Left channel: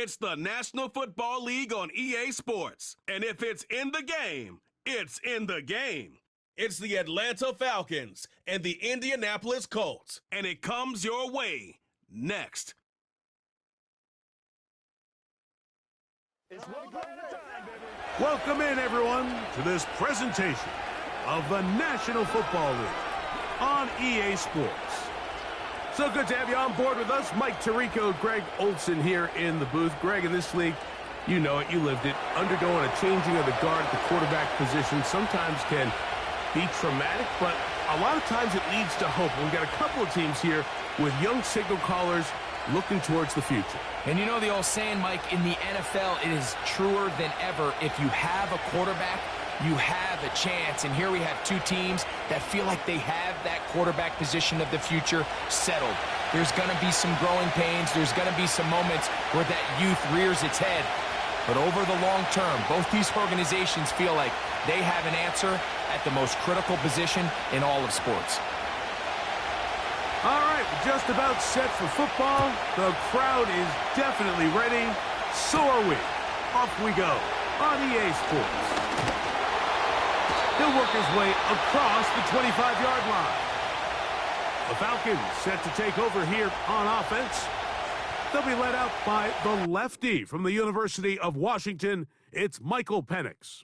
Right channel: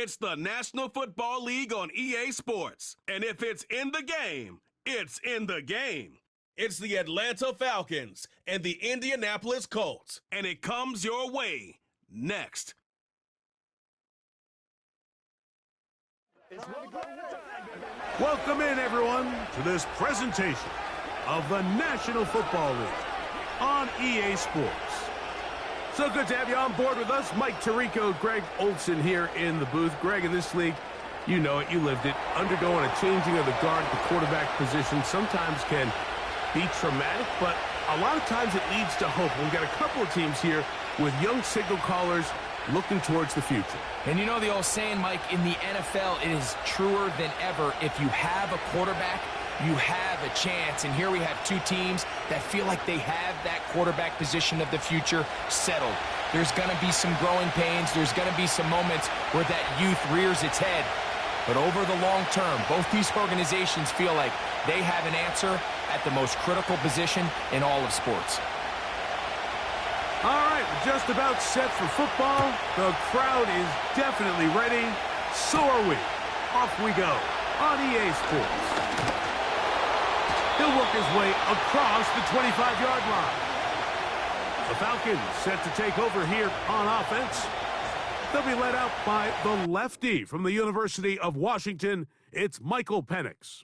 It's the National Football League on EA Sports. And if it's in the game, it's in the game. It's the Atlanta Falcons and the Indianapolis Colts. And it comes your way next. Welcome in, everyone, to this presentation of the National Football League on EA Sports. So good to have you on board with us. Mike Tirico, Greg Olson here in the booth. Greg, in this league, you know it, you lived it. Undergoing a changing of the guard at the quarterback position sometimes can be traumatic, but a lot of times it leads to hope. We've got a couple of teams here with young signal callers looking towards the future. And you know the old saying, Mike, in the NFL, it is truer than ever. If you have a quarterback, you have a chance. And here we have two teams that feel like they have that quarterback position of the future settled. There's going to be some growing pains. There's going to be some moments where that youth rears its head. But over the long term, both these organizations feel like they have an answer at the most critical position in all of sports. All right, we're just about set for football. The crowd is definitely ready. So are we. Off we go on EA Sports. He'll work his way across the 25-yard line. The Falcons set to take over here on offense. They'll be led out by the lefty from the University of Washington. It's Michael Penix.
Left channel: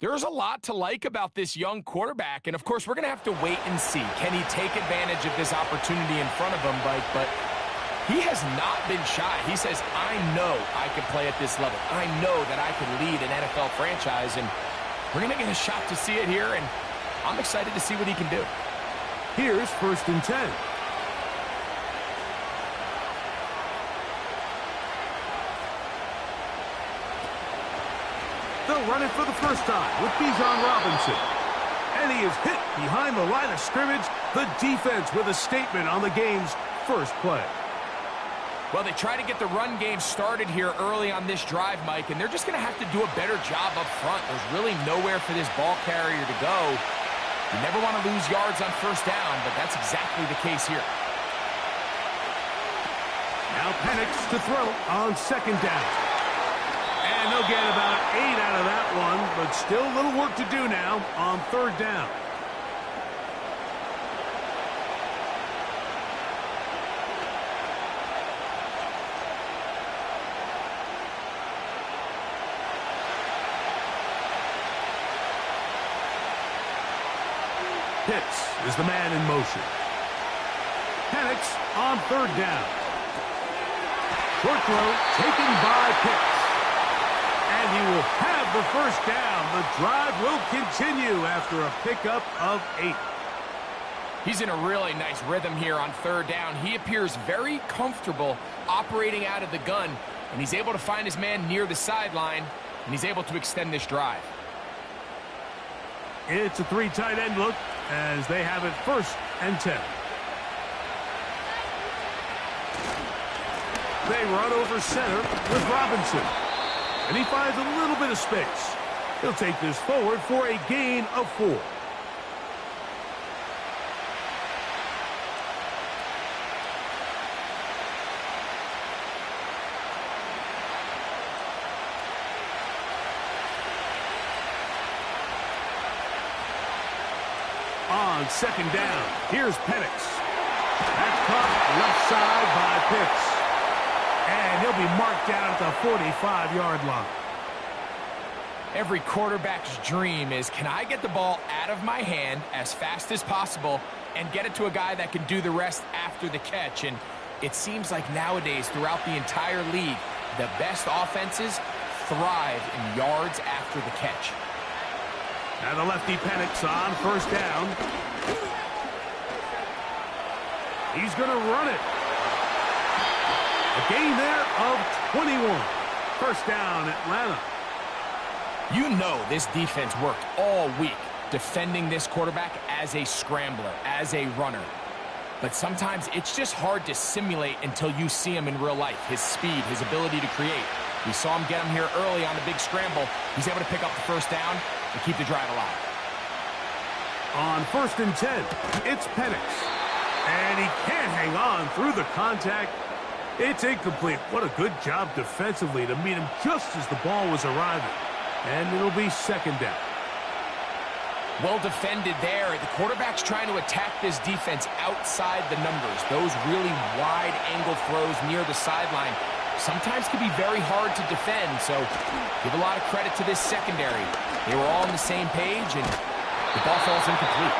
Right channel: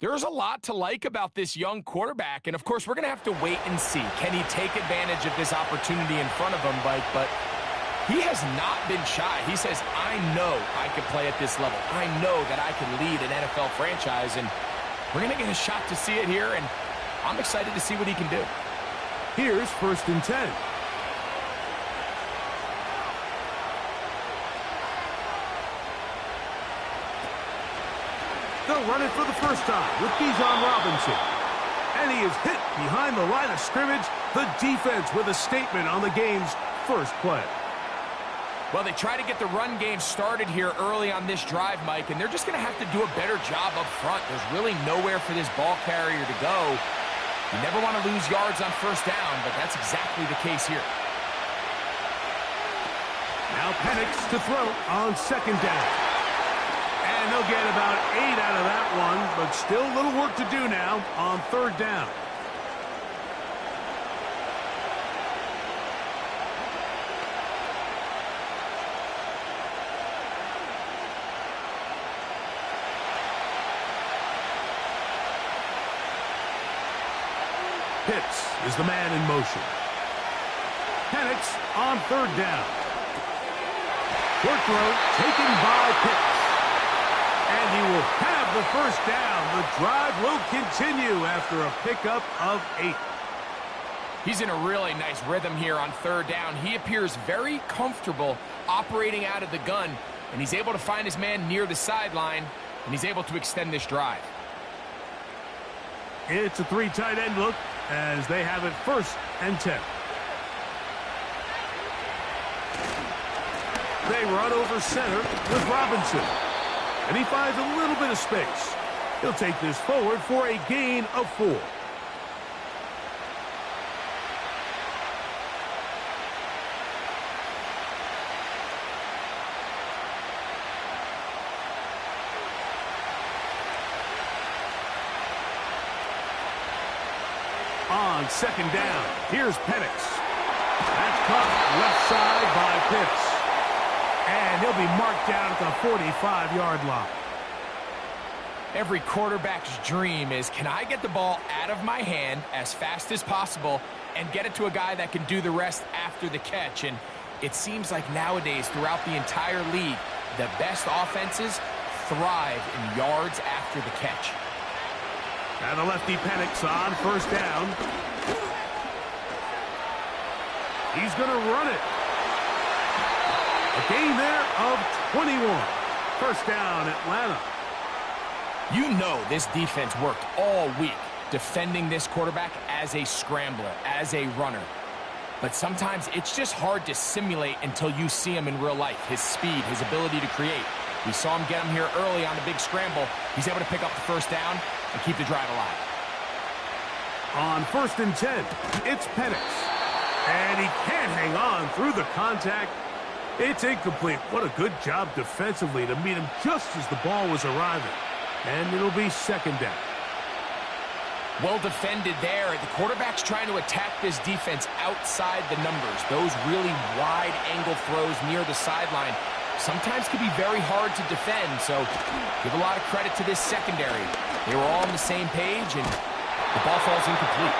There's a lot to like about this young quarterback, and of course, we're going to have to wait and see. Can he take advantage of this opportunity in front of him, Mike? But he has not been shy. He says, I know I can play at this level. I know that I can lead an NFL franchise, and we're going to get a shot to see it here, and I'm excited to see what he can do. Here's 1st and 10. They'll run it for the first time with Bijan Robinson. And he is hit behind the line of scrimmage. The defense with a statement on the game's first play. Well, they try to get the run game started here early on this drive, Mike, and they're just going to have to do a better job up front. There's really nowhere for this ball carrier to go. You never want to lose yards on first down, but that's exactly the case here. Now Penix to throw on 2nd down. And they'll get about 8 out of that one, but still a little work to do now on 3rd down. Pitts is the man in motion. Penix on 3rd down. Short throw taken by Pitts. And he will have the first down. The drive will continue after a pickup of 8. He's in a really nice rhythm here on 3rd down. He appears very comfortable operating out of the gun, and he's able to find his man near the sideline, and he's able to extend this drive. It's a 3 tight end look as they have it 1st and 10. They run over center with Robinson. And he finds a little bit of space. He'll take this forward for a gain of 4. On 2nd down, here's Penix. That's caught left side by Pitts. And he'll be marked down at the 45-yard line. Every quarterback's dream is, can I get the ball out of my hand as fast as possible and get it to a guy that can do the rest after the catch? And it seems like nowadays, throughout the entire league, the best offenses thrive in yards after the catch. Now the lefty Penix on 1st down. He's going to run it. A gain there of 21. 1st down, Atlanta. You know this defense worked all week defending this quarterback as a scrambler, as a runner. But sometimes it's just hard to simulate until you see him in real life. His speed, his ability to create. We saw him get him here early on the big scramble. He's able to pick up the 1st down and keep the drive alive. On 1st and 10, it's Penix. And he can't hang on through the contact. It's incomplete. What a good job defensively to meet him just as the ball was arriving. And it'll be second down. Well defended there. The quarterback's trying to attack this defense outside the numbers. Those really wide angle throws near the sideline sometimes can be very hard to defend, so give a lot of credit to this secondary. They were all on the same page, and the ball falls incomplete.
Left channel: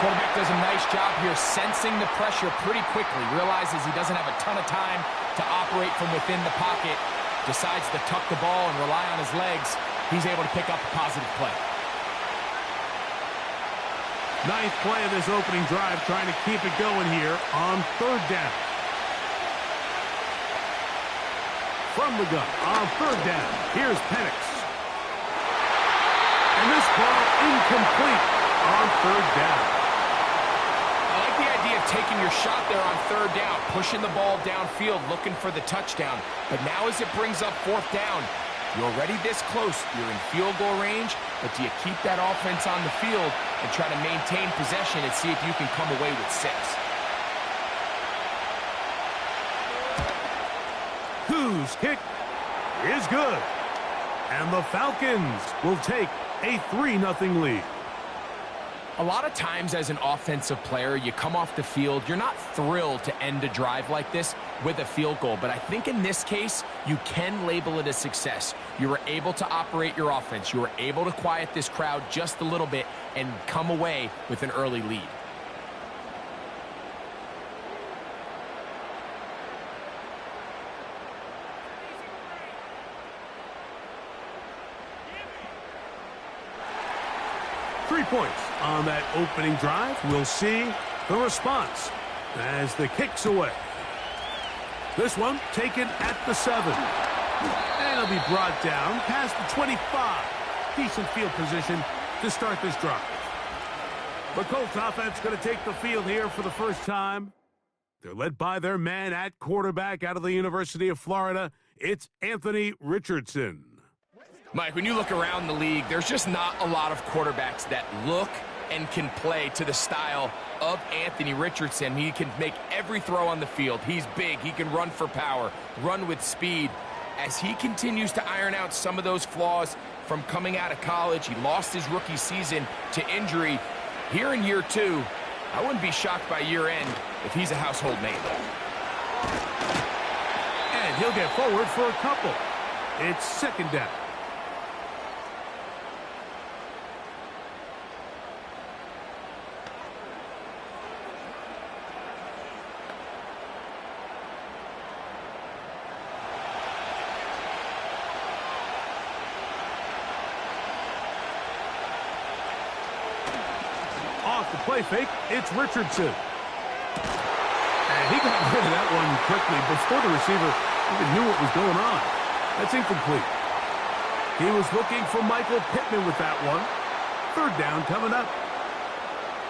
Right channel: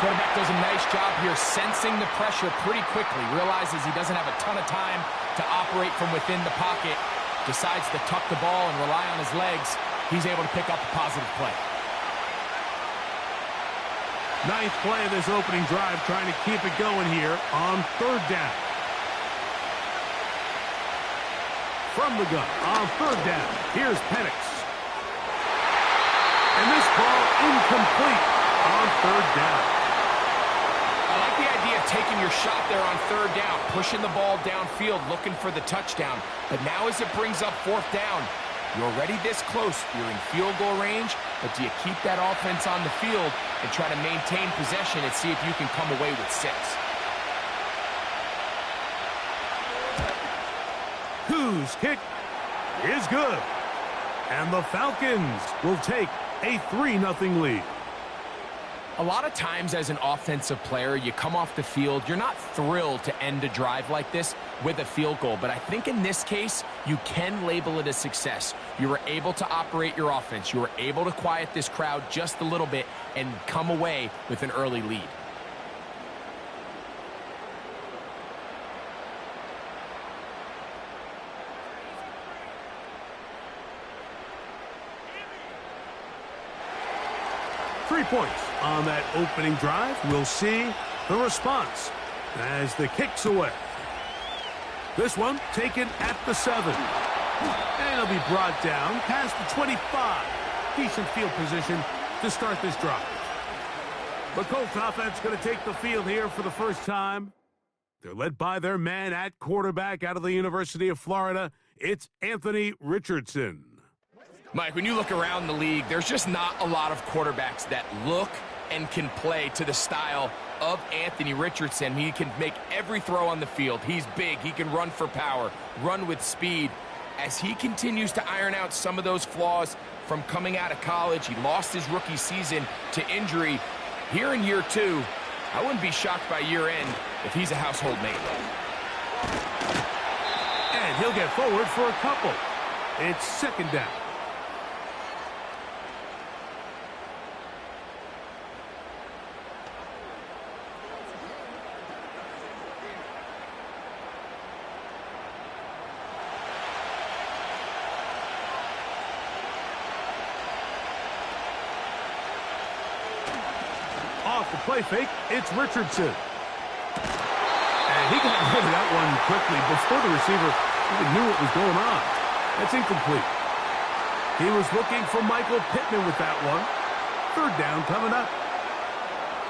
Quarterback does a nice job here sensing the pressure pretty quickly, realizes he doesn't have a ton of time to operate from within the pocket, decides to tuck the ball and rely on his legs. He's able to pick up a positive play. Ninth play of this opening drive, trying to keep it going here on third down. From the gun on third down, here's Penix. And this ball incomplete on third down. I like the idea of taking your shot there on third down, pushing the ball downfield, looking for the touchdown. But now as it brings up fourth down, you're already this close. You're in field goal range, but do you keep that offense on the field and try to maintain possession and see if you can come away with 6? Whose kick is good. And the Falcons will take a 3-0 lead. A lot of times as an offensive player, you come off the field, you're not thrilled to end a drive like this with a field goal. But I think in this case, you can label it a success. You were able to operate your offense. You were able to quiet this crowd just a little bit and come away with an early lead. Three points on that opening drive. We'll see the response as the kick's away. This one taken at the 7. And it'll be brought down past the 25. Decent field position to start this drive. The Colts offense going to take the field here for the first time. They're led by their man at quarterback out of the University of Florida. It's Anthony Richardson. Mike, when you look around the league, there's just not a lot of quarterbacks that look and can play to the style of Anthony Richardson. He can make every throw on the field. He's big. He can run for power, run with speed. As he continues to iron out some of those flaws from coming out of college, he lost his rookie season to injury. Here in year 2, I wouldn't be shocked by year end if he's a household name. And he'll get forward for a couple. It's second down. Off the play fake, it's Richardson. And he got rid of that one quickly before the receiver even knew what was going on. That's incomplete. He was looking for Michael Pittman with that one. Third down coming up.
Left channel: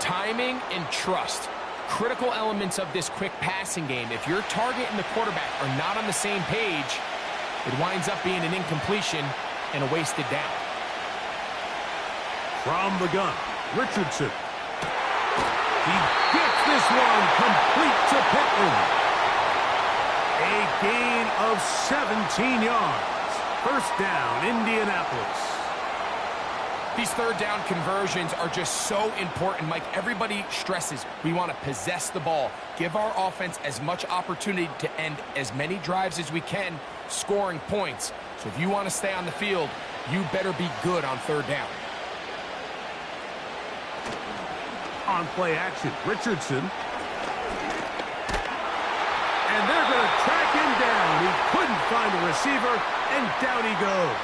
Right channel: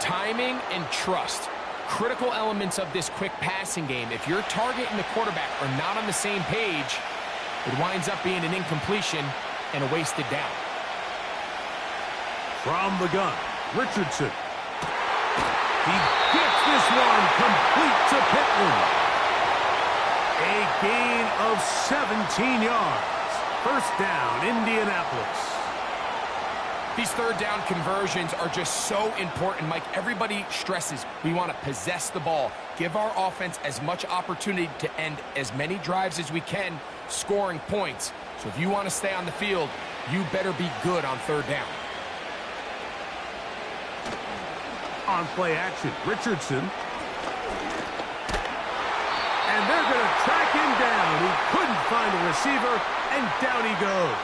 Timing and trust, critical elements of this quick passing game. If your target and the quarterback are not on the same page, it winds up being an incompletion and a wasted down. From the gun, Richardson. He gets this one complete to Pittman. A gain of 17 yards. First down, Indianapolis. These third down conversions are just so important, Mike. Everybody stresses we want to possess the ball, give our offense as much opportunity to end as many drives as we can, scoring points. So if you want to stay on the field, you better be good on third down. On play action, Richardson. And they're going to track him down. He couldn't find a receiver, and down he goes.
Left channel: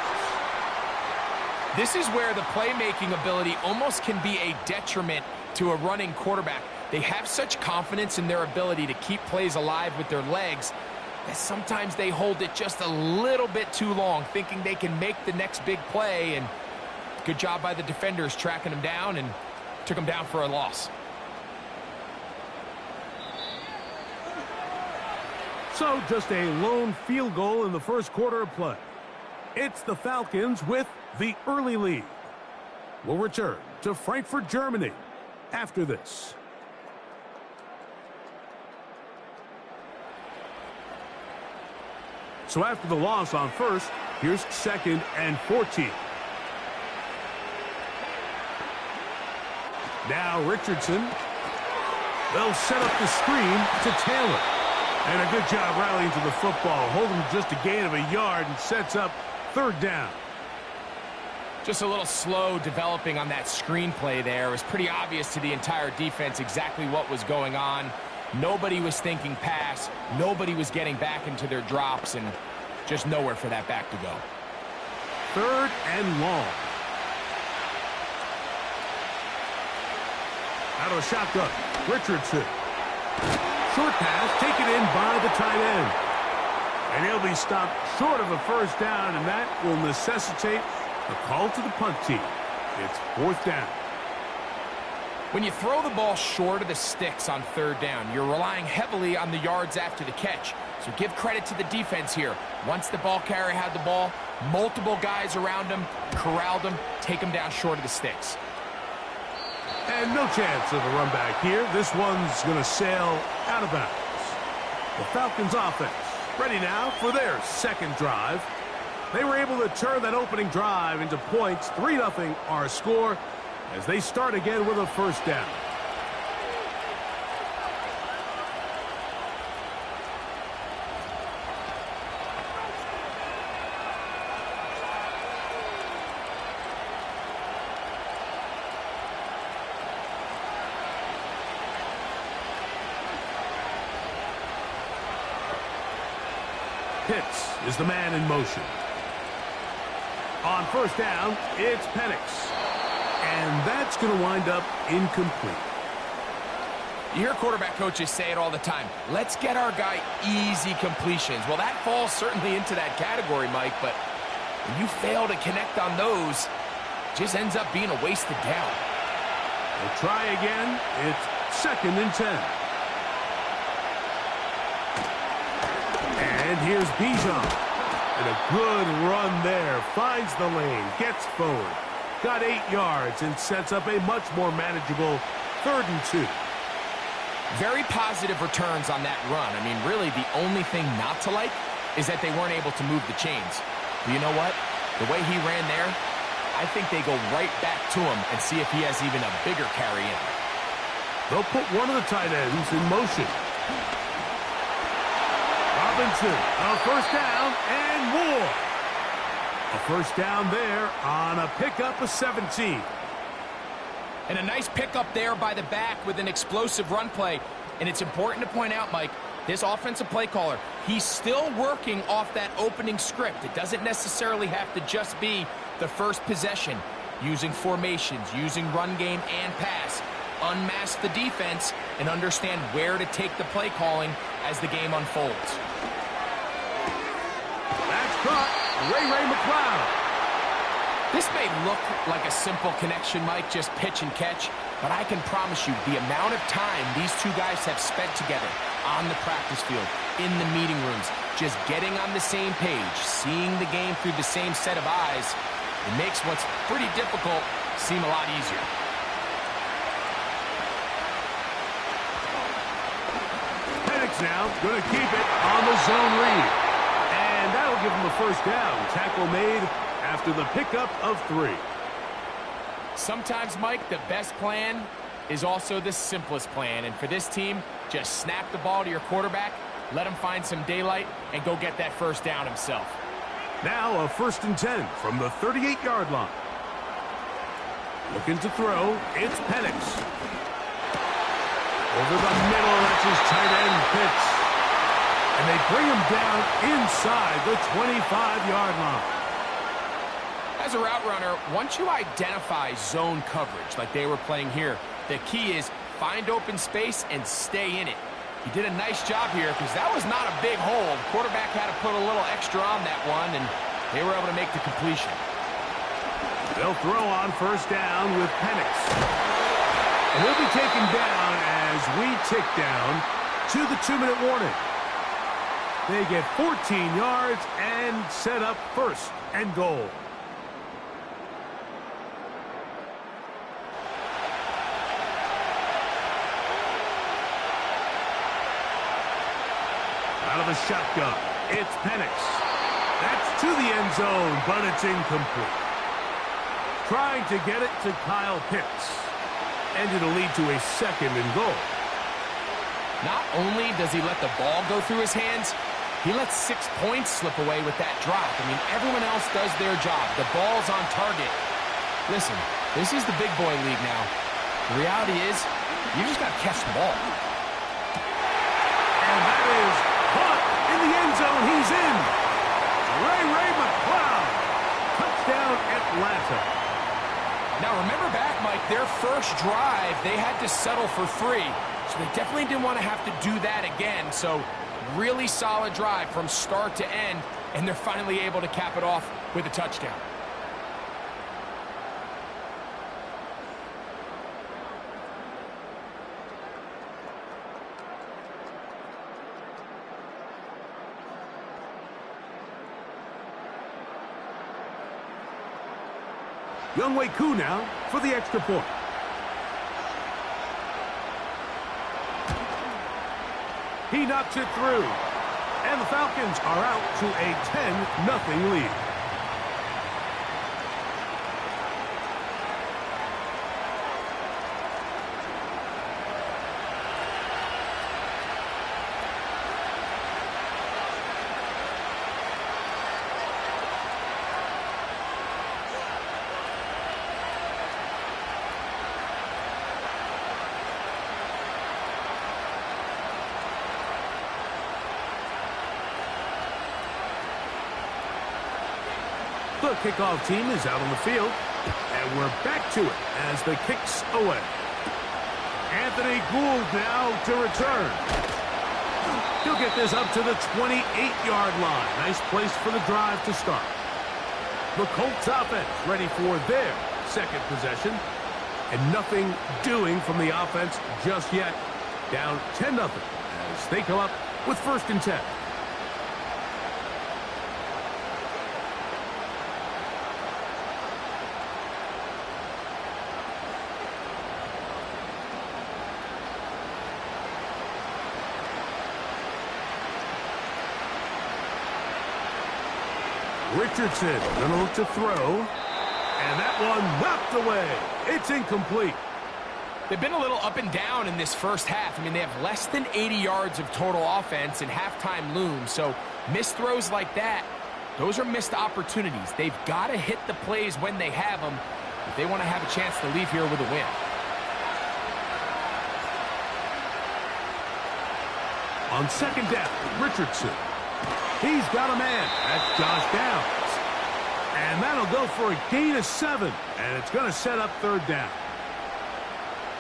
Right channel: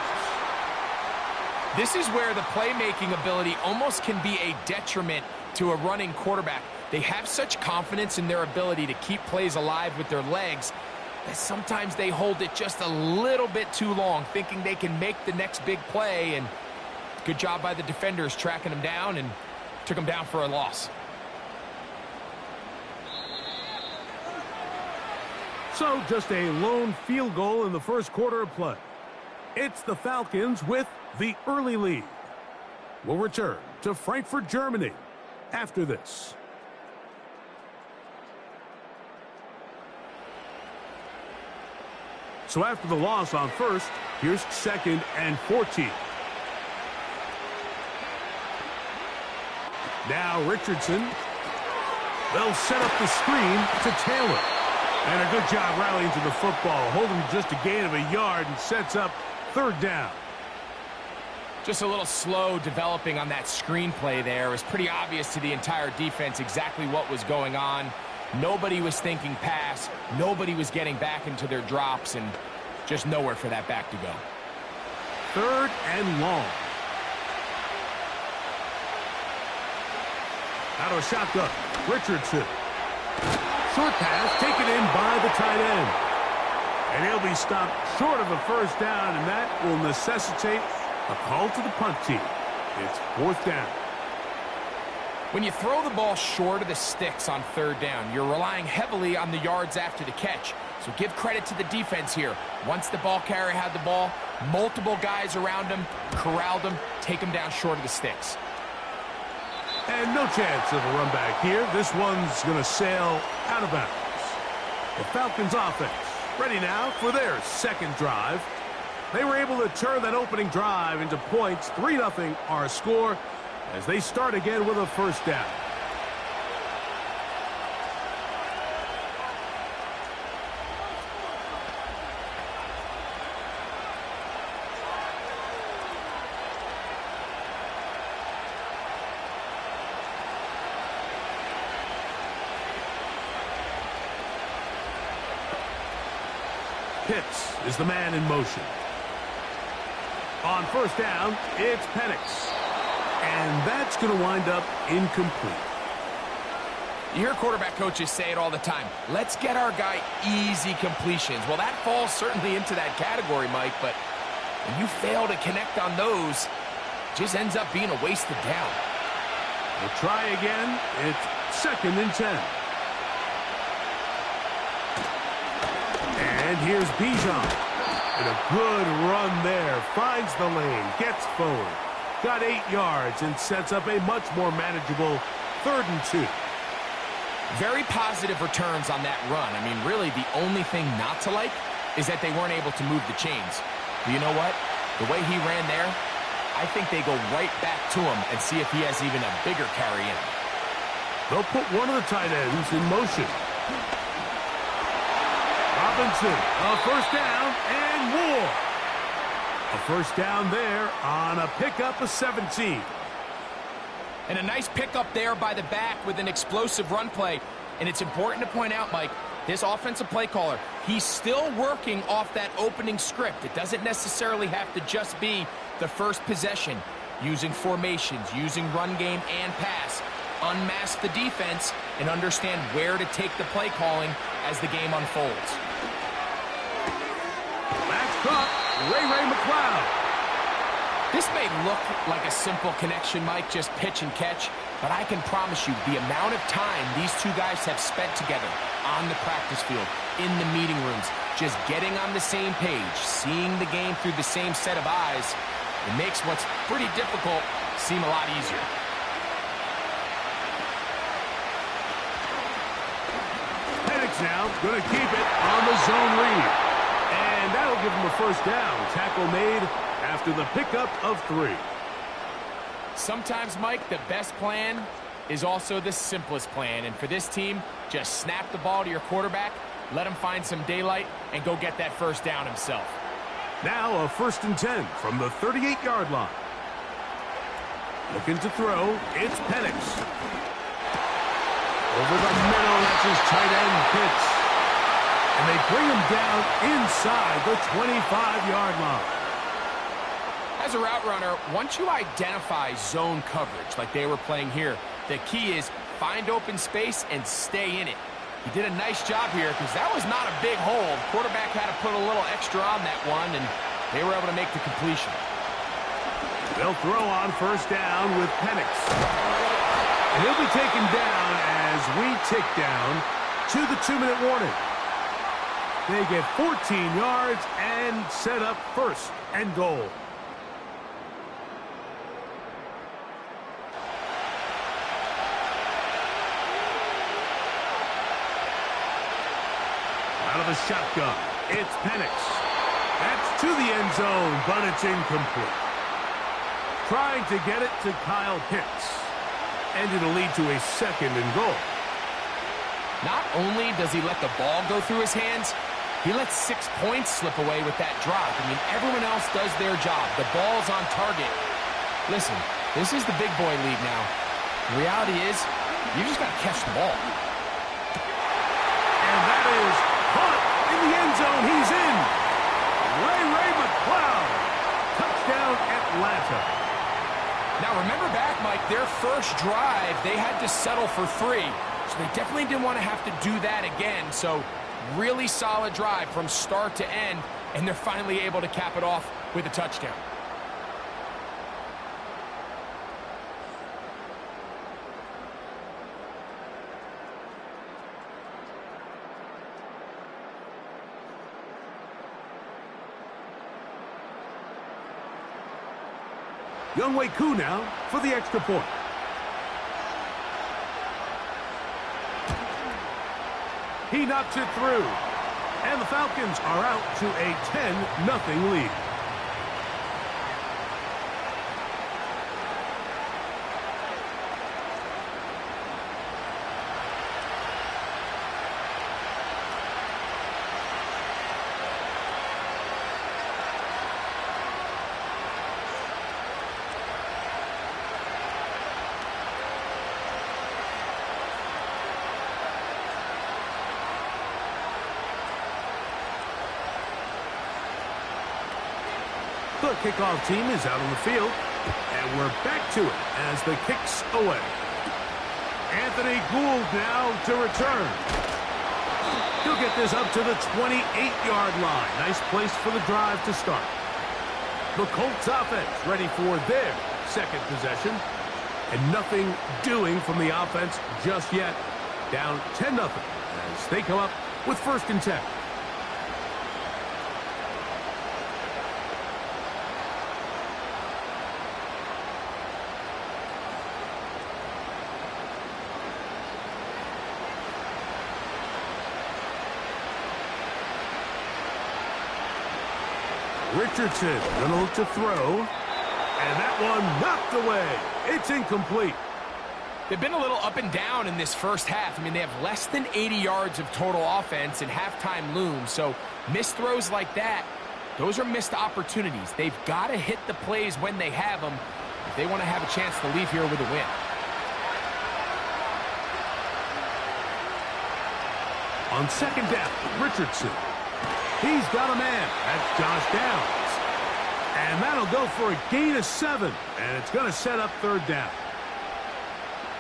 This is where the playmaking ability almost can be a detriment to a running quarterback. They have such confidence in their ability to keep plays alive with their legs that sometimes they hold it just a little bit too long, thinking they can make the next big play. And good job by the defenders tracking him down and took him down for a loss. So just a lone field goal in the first quarter of play. It's the Falcons with the early lead. We'll return to Frankfurt, Germany after this. So after the loss on first, here's 2nd and 14. Now Richardson. They'll set up the screen to Taylor. And a good job rallying to the football. Holding just a gain of a yard and sets up 3rd down. Just a little slow developing on that screen play there. It was pretty obvious to the entire defense exactly what was going on. Nobody was thinking pass. Nobody was getting back into their drops, and just nowhere for that back to go. 3rd and long. Out of a shotgun, Richardson. Short pass taken in by the tight end. And he'll be stopped short of a 1st down, and that will necessitate a call to the punt team. It's 4th down. When you throw the ball short of the sticks on 3rd down, you're relying heavily on the yards after the catch. So give credit to the defense here. Once the ball carrier had the ball, multiple guys around him, corralled him, take him down short of the sticks. And no chance of a run back here. This one's going to sail out of bounds. The Falcons offense ready now for their 2nd drive. They were able to turn that opening drive into points. 3-0 our score as they start again with a 1st down. Pitts is the man in motion. On 1st down, it's Penix. And that's going to wind up incomplete. You hear quarterback coaches say it all the time. Let's get our guy easy completions. Well, that falls certainly into that category, Mike, but when you fail to connect on those, it just ends up being a wasted down. We'll try again. It's 2nd and 10. And here's Bijan. And a good run there. Finds the lane. Gets forward. Got 8 yards and sets up a much more manageable 3rd and 2. Very positive returns on that run. I mean, really, the only thing not to like is that they weren't able to move the chains. But you know what? The way he ran there, I think they go right back to him and see if he has even a bigger carry in. They'll put one of the tight ends in motion. Robinson, a 1st down and more. A 1st down there on a pickup of 17. And a nice pickup there by the back with an explosive run play. And it's important to point out, Mike, this offensive play caller, he's still working off that opening script. It doesn't necessarily have to just be the first possession. Using formations, using run game and pass. Unmask the defense and understand where to take the play calling as the game unfolds. That's caught. Ray McLeod. This may look like a simple connection, Mike, just pitch and catch, but I can promise you the amount of time these two guys have spent together on the practice field, in the meeting rooms, just getting on the same page, seeing the game through the same set of eyes, it makes what's pretty difficult seem a lot easier. Penix now going to keep it on the zone read. And that'll give him a 1st down. Tackle made after the pickup of 3. Sometimes, Mike, the best plan is also the simplest plan. And for this team, just snap the ball to your quarterback, let him find some daylight, and go get that 1st down himself. Now a 1st and 10 from the 38-yard line. Looking to throw, it's Penix. Over the middle, that's his tight end, Pitts. And they bring him down inside the 25-yard line. As a route runner, once you identify zone coverage like they were playing here, the key is find open space and stay in it. He did a nice job here because that was not a big hole. Quarterback had to put a little extra on that one, and they were able to make the completion. They'll throw on 1st down with Penix. And he'll be taken down as we tick down to the 2-minute warning. They get 14 yards and set up 1st and goal. Out of the shotgun, it's Penix. That's to the end zone, but it's incomplete. Trying to get it to Kyle Pitts. And it'll lead to a 2nd and goal. Not only does he let the ball go through his hands, he lets 6 points slip away with that drop. I mean, everyone else does their job. The ball's on target. Listen, this is the big boy league now. The reality is, you just got to catch the ball. And that is caught in the end zone. He's in. Ray McCloud. Touchdown, Atlanta. Now, remember back, Mike, their first drive, they had to settle for 3. So they definitely didn't want to have to do that again. So really solid drive from start to end, and they're finally able to cap it off with a touchdown. Younghoe Koo now for the extra point. He knocks it through. And the Falcons are out to a 10-0 lead. The kickoff team is out on the field, and we're back to it as the kick's away. Anthony Gould now to return. He'll get this up to the 28-yard line. Nice place for the drive to start. The Colts offense ready for their 2nd possession, and nothing doing from the offense just yet. Down 10-0 as they come up with 1st and 10. Richardson going to look to throw, and that one knocked away. It's incomplete. They've been a little up and down in this first half. I mean, they have less than 80 yards of total offense, and halftime looms. So missed throws like that, those are missed opportunities. They've got to hit the plays when they have them if they want to have a chance to leave here with a win. On 2nd down, Richardson. He's got a man. That's Josh Downs. And that'll go for a gain of 7. And it's going to set up 3rd down.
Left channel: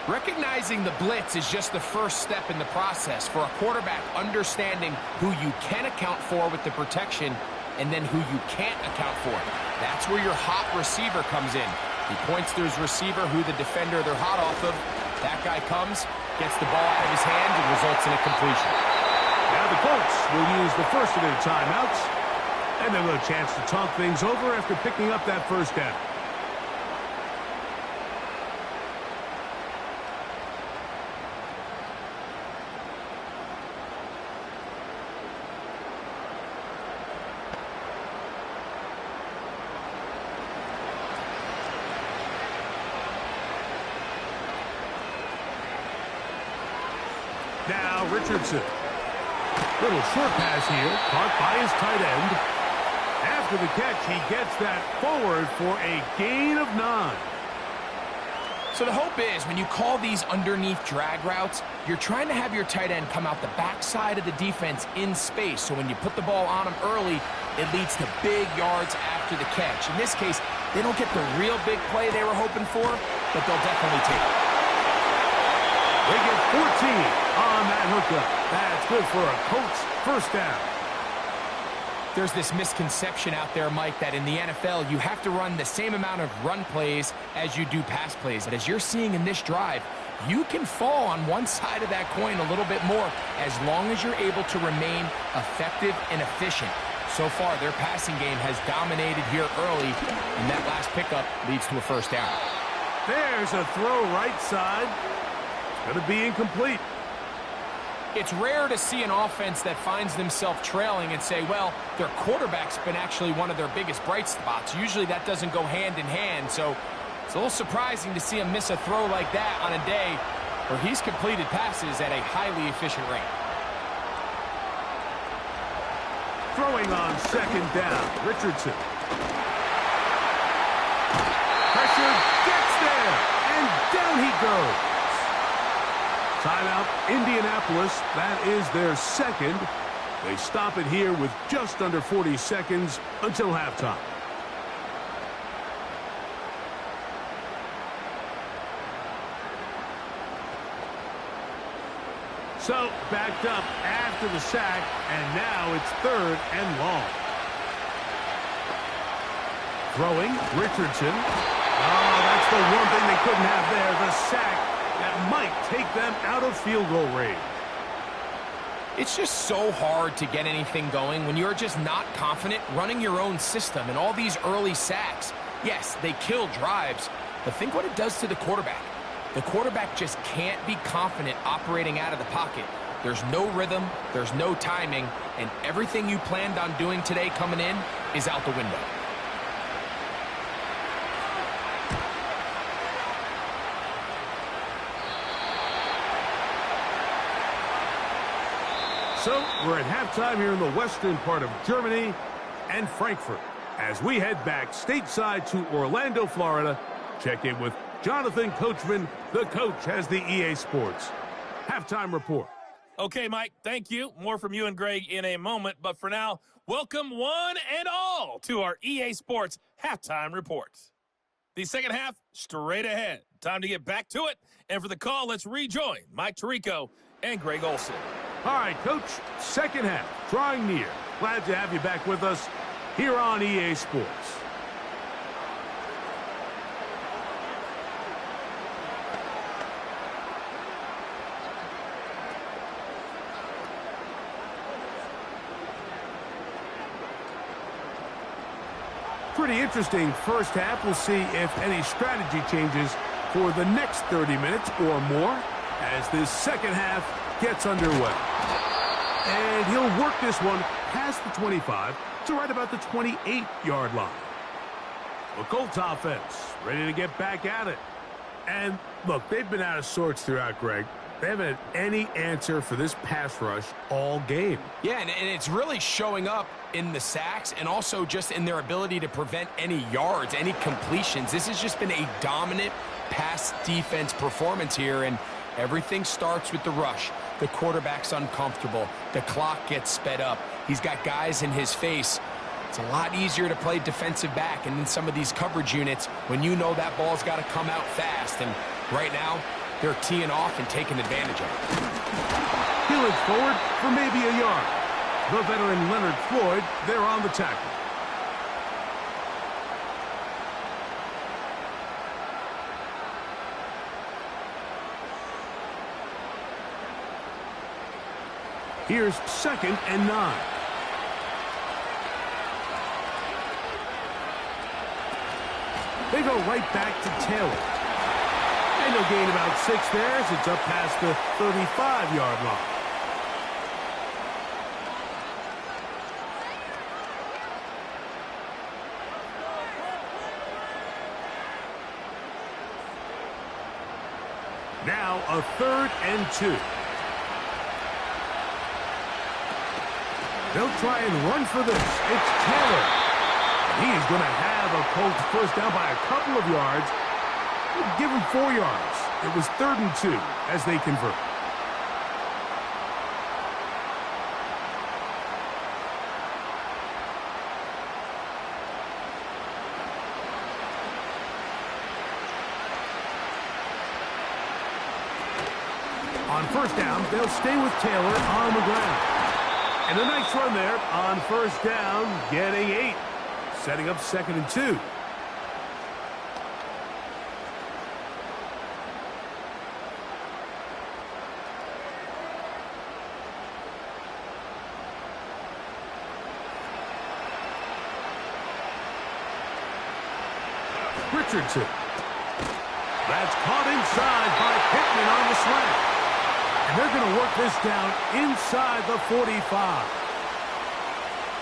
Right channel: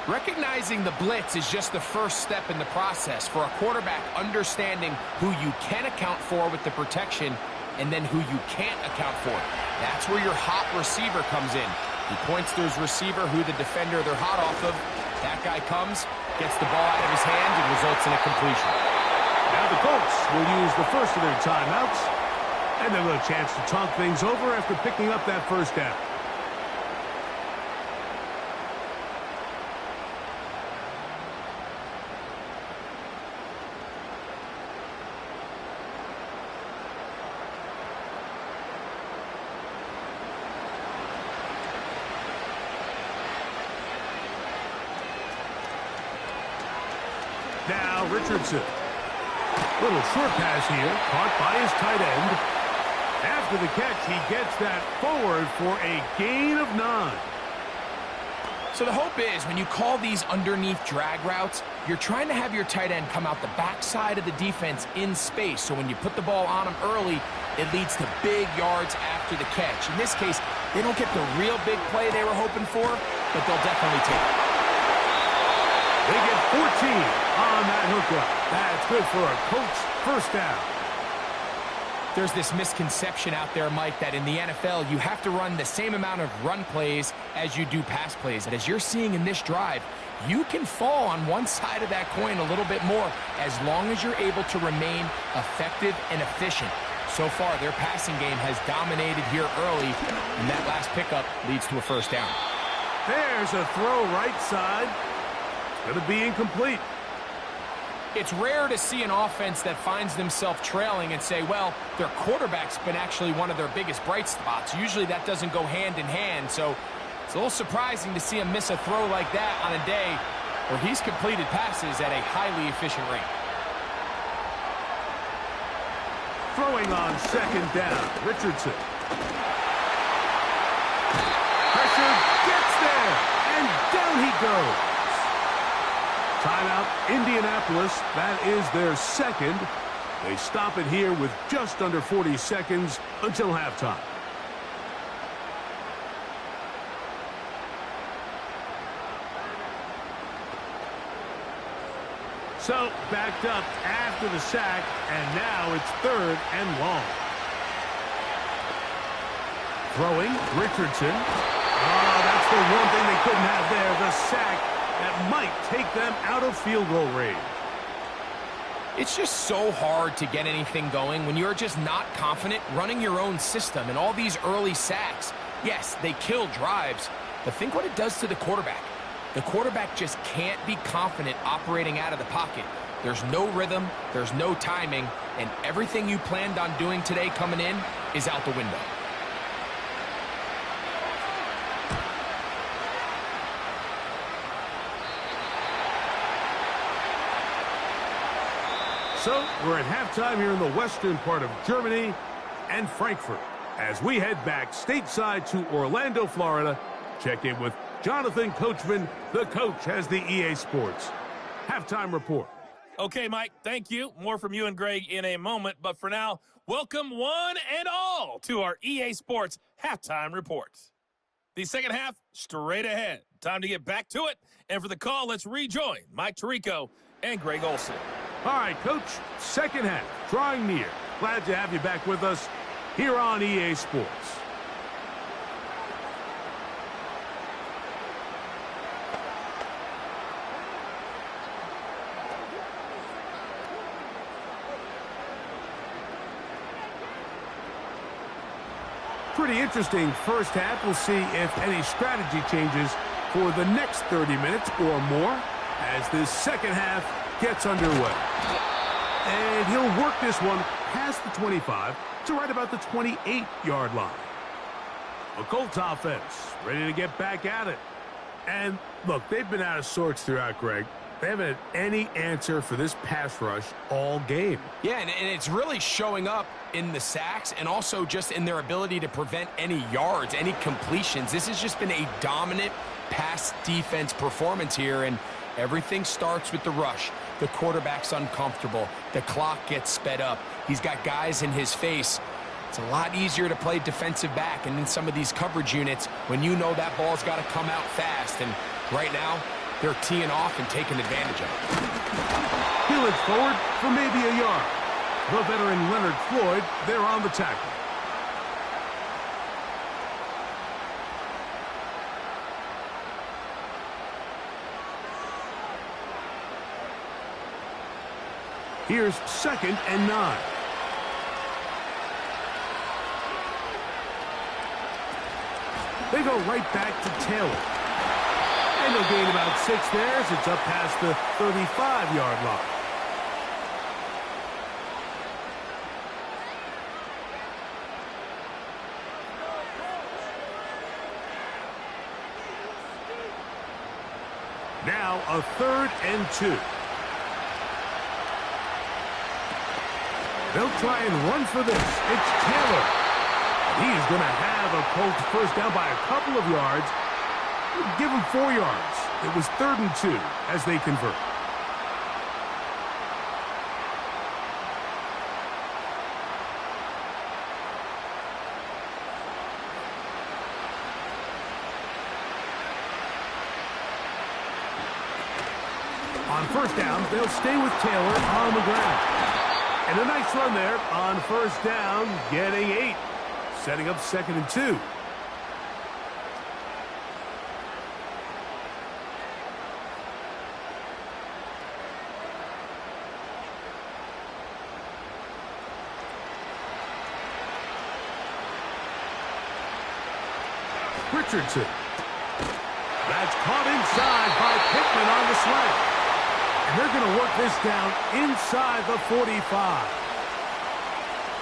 Recognizing the blitz is just the first step in the process for a quarterback, understanding who you can account for with the protection and then who you can't account for. That's where your hot receiver comes in. He points to his receiver, who the defender they're hot off of. That guy comes, gets the ball out of his hands, and results in a completion. Now the Colts will use the first of their timeouts, and they'll have a chance to talk things over after picking up that 1st down. Now Richardson. Little short pass here, caught by his tight end. After the catch, he gets that forward for a gain of 9. So the hope is when you call these underneath drag routes, you're trying to have your tight end come out the backside of the defense in space. So when you put the ball on him early, it leads to big yards after the catch. In this case, they don't get the real big play they were hoping for, but they'll definitely take it. They get 14 on that hookup. That's good for a Colts 1st down. There's this misconception out there, Mike, that in the NFL, you have to run the same amount of run plays as you do pass plays. And as you're seeing in this drive, you can fall on one side of that coin a little bit more as long as you're able to remain effective and efficient. So far, their passing game has dominated here early, and that last pickup leads to a 1st down. There's a throw right side. Going to be incomplete. It's rare to see an offense that finds themselves trailing and say, well, their quarterback's been actually one of their biggest bright spots. Usually that doesn't go hand in hand, so it's a little surprising to see him miss a throw like that on a day where he's completed passes at a highly efficient rate. Throwing on second down, Richardson. Pressure gets there, and down he goes. Timeout, Indianapolis. That is their second. They stop it here with just under 40 seconds until halftime. So, backed up after the sack, and now it's 3rd and long. Throwing, Richardson. Oh, that's the one thing they couldn't have there, the sack that might take them out of field goal range. It's just so hard to get anything going when you're just not confident running your own system. And all these early sacks, yes, they kill drives, but think what it does to the quarterback. The quarterback just can't be confident operating out of the pocket. There's no rhythm, there's no timing, and everything you planned on doing today coming in is out the window. So, we're at halftime here in the western part of Germany and Frankfurt. As we head back stateside to Orlando, Florida, check in with Jonathan Coachman. The coach has the EA Sports halftime report. Okay, Mike, thank you. More from you and Greg in a moment. But for now, welcome one and all to our EA Sports halftime reports. The second half, straight ahead. Time to get back to it. And for the call, let's rejoin Mike Tirico and Greg Olson. All right, Coach, second half, drawing near. Glad to have you back with us here on EA Sports. Pretty interesting first half. We'll see if any strategy changes for the next 30 minutes or more as this second half gets underway. And he'll work this one past the 25 to right about the 28-yard line. The Colts offense ready to get back at it. And look, they've been out of sorts throughout, Greg. They haven't had any answer for this pass rush all game. Yeah, and it's really showing up in the sacks and also just in their ability to prevent any yards, any completions. This has just been a dominant pass defense performance here, and everything starts with the rush. The quarterback's uncomfortable. The clock gets sped up. He's got guys in his face. It's a lot easier to play defensive back, and in some of these coverage units, when you know that ball's got to come out fast, and right now, they're teeing off and taking advantage of it. He'll edge forward for maybe a yard. The veteran Leonard Floyd, they're on the tackle. Here's 2nd and 9. They go right back to Taylor. And they'll gain about 6 there as it's up past the 35-yard line. Now a 3rd and 2. They'll try and run for this. It's Taylor. And he is going to have a Colts first down by a couple of yards. Give him 4 yards. It was 3rd and 2 as they convert. On first down, they'll stay with Taylor on the ground. And a nice run there on first down, getting 8. Setting up 2nd and 2. Richardson. That's caught inside by Pittman on the slant. And they're going to work this down inside the 45.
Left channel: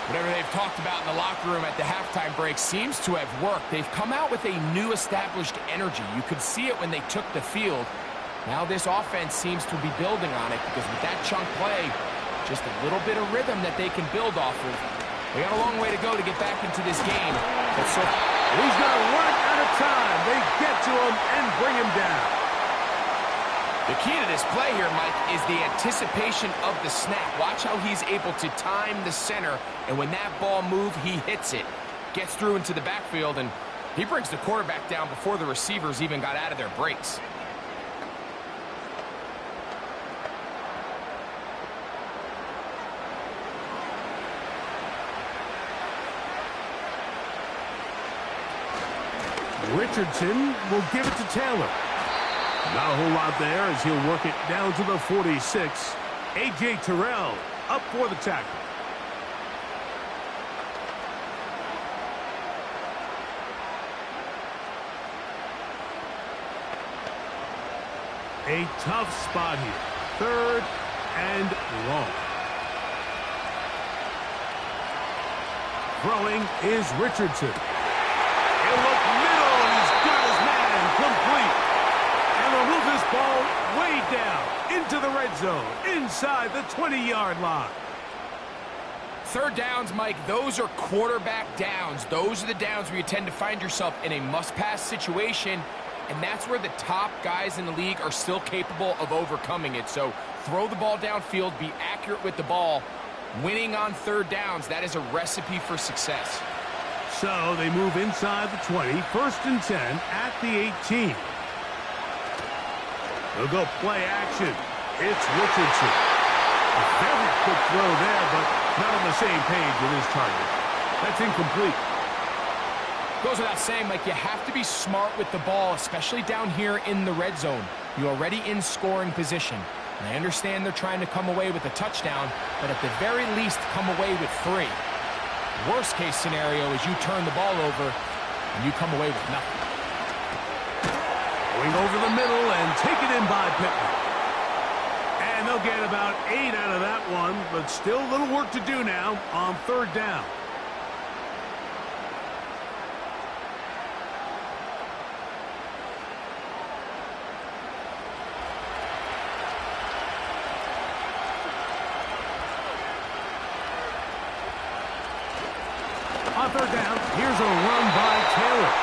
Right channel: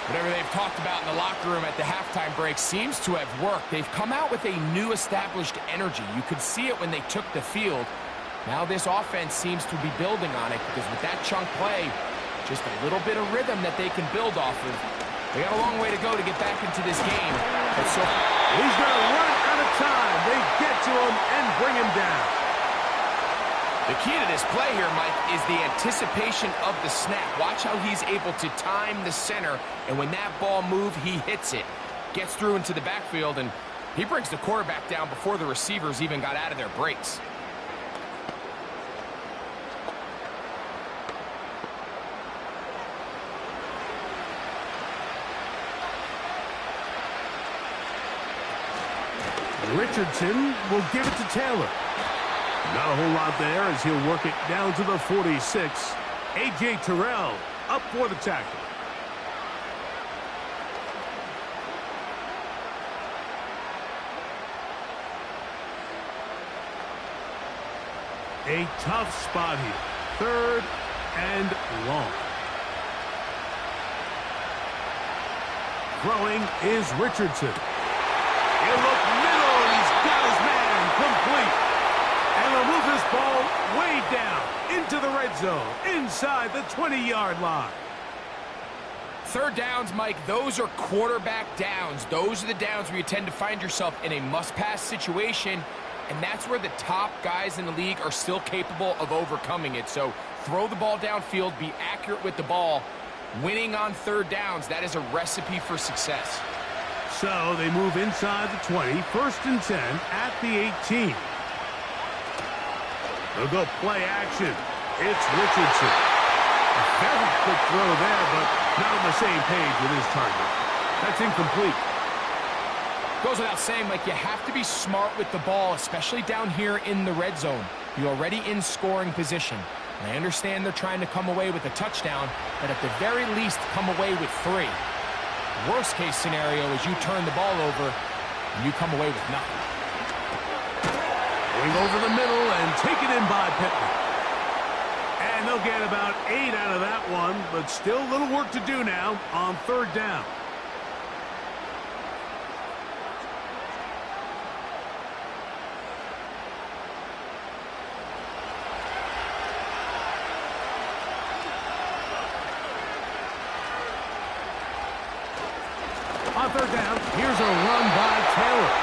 Whatever they've talked about in the locker room at the halftime break seems to have worked. They've come out with a new established energy. You could see it when they took the field. Now this offense seems to be building on it because with that chunk play, just a little bit of rhythm that they can build off of. They got a long way to go to get back into this game. He's going to run out of time. They get to him and bring him down. The key to this play here, Mike, is the anticipation of the snap. Watch how he's able to time the center, and when that ball moves, he hits it. Gets through into the backfield, and he brings the quarterback down before the receivers even got out of their breaks. Richardson will give it to Taylor. Not a whole lot there as he'll work it down to the 46. A.J. Terrell up for the tackle. A tough spot here. 3rd and long. Throwing is Richardson. He'll look middle, and he's got his man complete. And they'll move this ball way down into the red zone, inside the 20-yard line. 3rd downs, Mike, those are quarterback downs. Those are the downs where you tend to find yourself in a must-pass situation, and that's where the top guys in the league are still capable of overcoming it. So throw the ball downfield, be accurate with the ball. Winning on 3rd downs, that is a recipe for success. So they move inside the 20, 1st and 10 at the 18. They'll go play action. It's Richardson. A very quick throw there, but not on the same page with his target. That's incomplete. Goes without saying, Mike, you have to be smart with the ball, especially down here in the red zone. You're already in scoring position. And I understand they're trying to come away with a touchdown, but at the very least, come away with 3. Worst case scenario is you turn the ball over and you come away with nothing. Going over the middle and taken in by Pittman. And they'll get about 8 out of that one, but still a little work to do now on 3rd down. On 3rd down, here's a run by Taylor.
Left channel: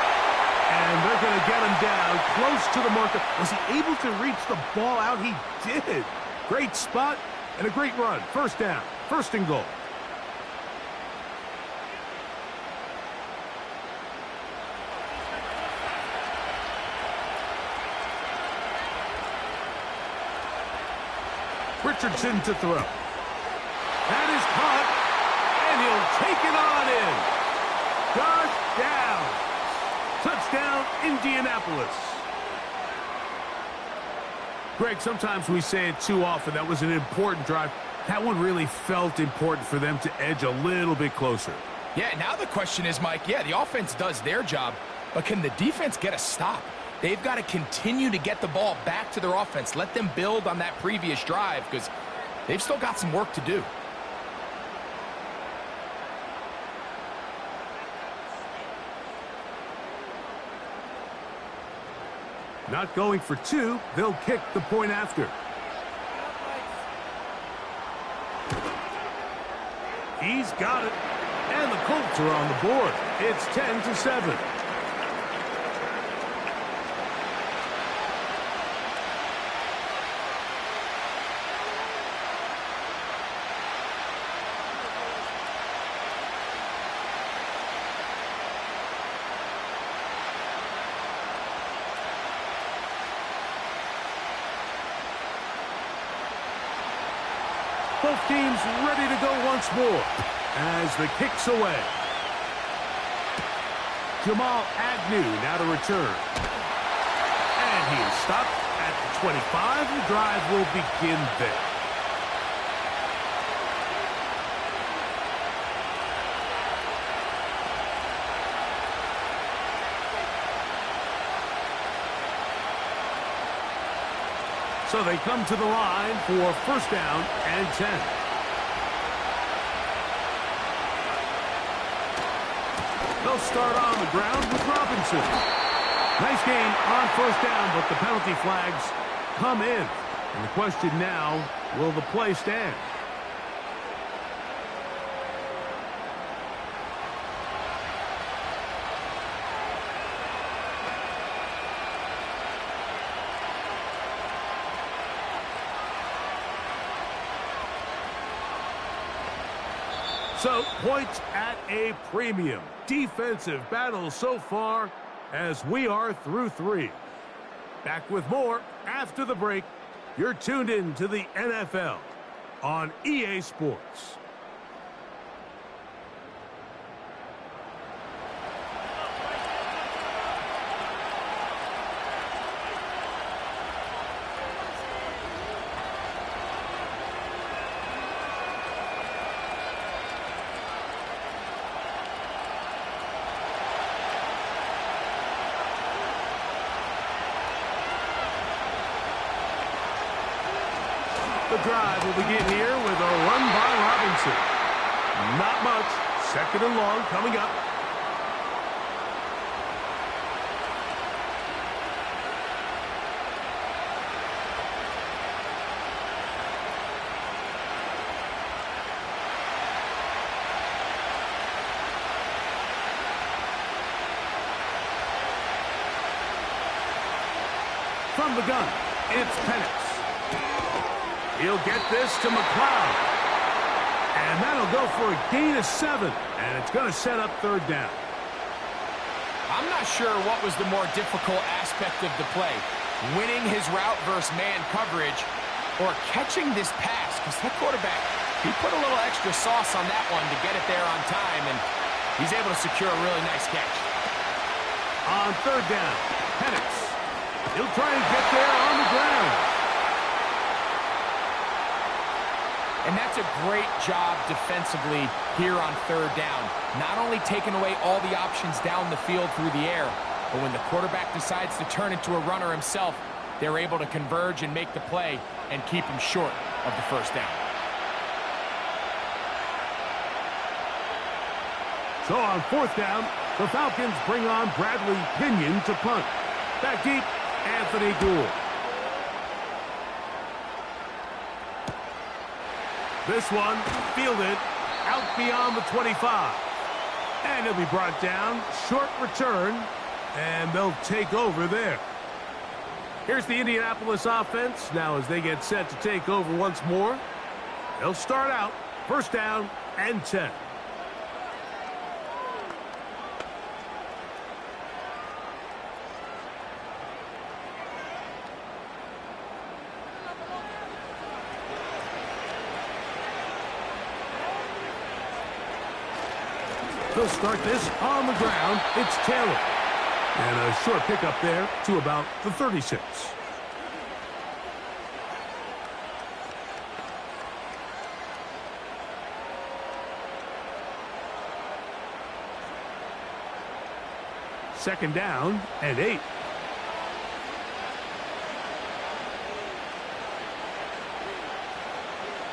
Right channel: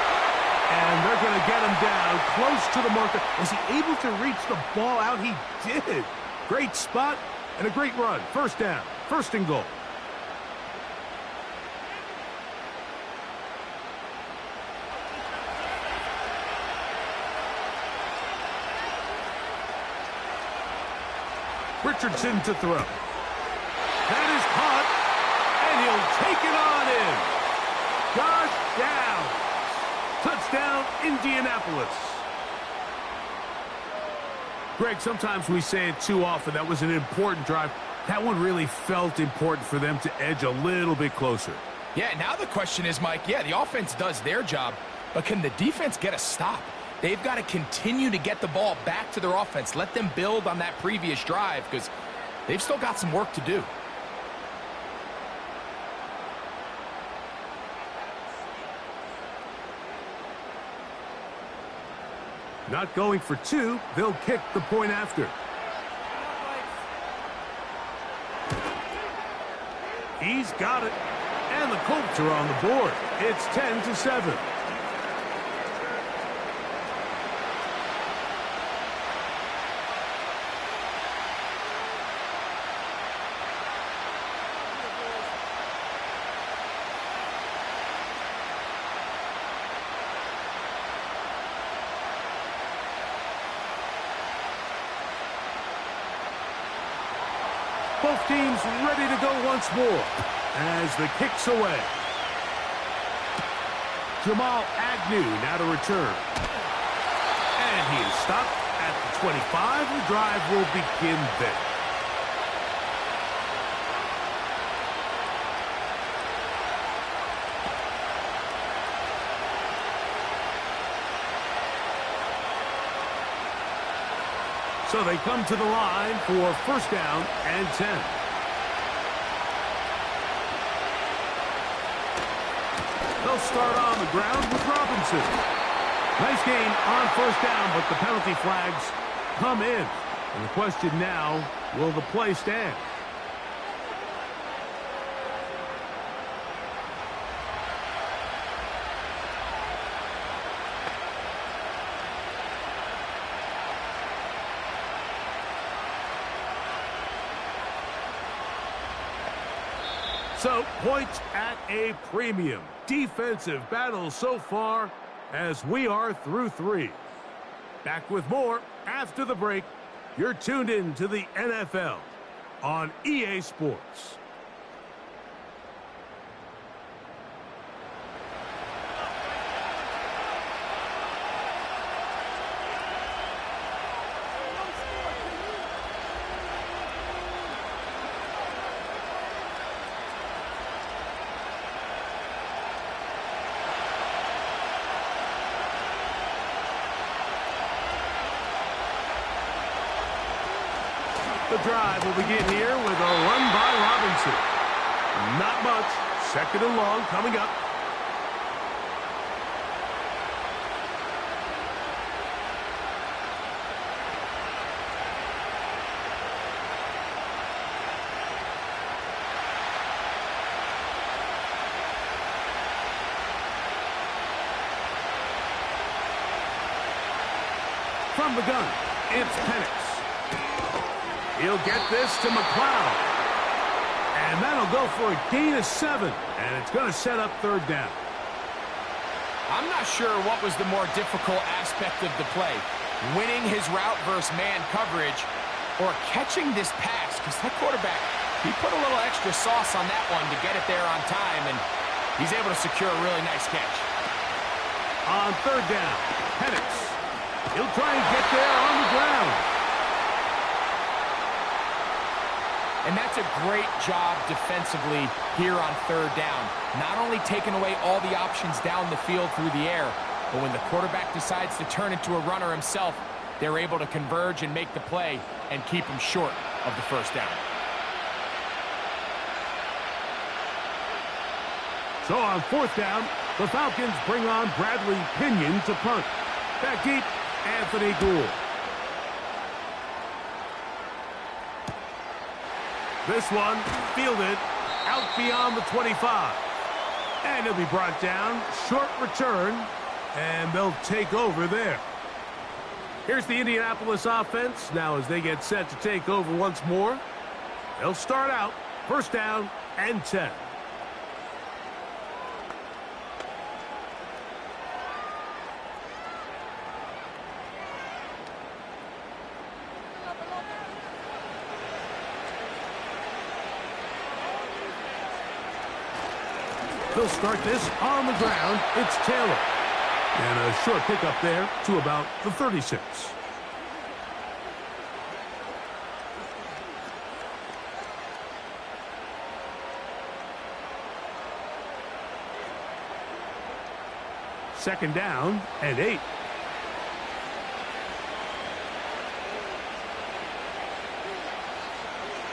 And they're going to get him down close to the marker. Was he able to reach the ball out? He did. Great spot and a great run. 1st down, 1st and goal. Richardson to throw. That is caught, and he'll take it on in. Josh Downs. Touchdown, Indianapolis. Greg, sometimes we say it too often. That was an important drive. That one really felt important for them to edge a little bit closer. Yeah, now the question is, Mike, yeah, the offense does their job, but can the defense get a stop? They've got to continue to get the ball back to their offense. Let them build on that previous drive because they've still got some work to do. Not going for 2. They'll kick the point after. He's got it. And the Colts are on the board. It's 10-7. Both teams ready to go once more as the kick's away. Jamal Agnew now to return. And he is stopped at the 25. The drive will begin there. So they come to the line for first down and 10. They'll start on the ground with Robinson. Nice gain on first down, but the penalty flags come in. And the question now, will the play stand? So, points at a premium. Defensive battle so far as we are through 3. Back with more after the break. You're tuned in to the NFL on EA Sports. The drive will begin here with a run by Robinson. Not much. 2nd and long coming up. From the gun, it's Penix. He'll get this to McLeod. And that'll go for a gain of 7. And it's going to set up 3rd down. I'm not sure what was the more difficult aspect of the play. Winning his route versus man coverage or catching this pass. Because that quarterback, he put a little extra sauce on that one to get it there on time. And he's able to secure a really nice catch. On 3rd down, Penix. He'll try and get there on the ground. And that's a great job defensively here on 3rd down. Not only taking away all the options down the field through the air, but when the quarterback decides to turn into a runner himself, they're able to converge and make the play and keep him short of the 1st down. So on 4th down, the Falcons bring on Bradley Pinion to punt. Back deep, Anthony Gould. This one fielded out beyond the 25. And he'll be brought down. Short return. And they'll take over there. Here's the Indianapolis offense. Now as they get set to take over once more, they'll start out 1st down and 10. They'll start this on the ground. It's Taylor. And a short pickup there to about the 36. Second down and 8.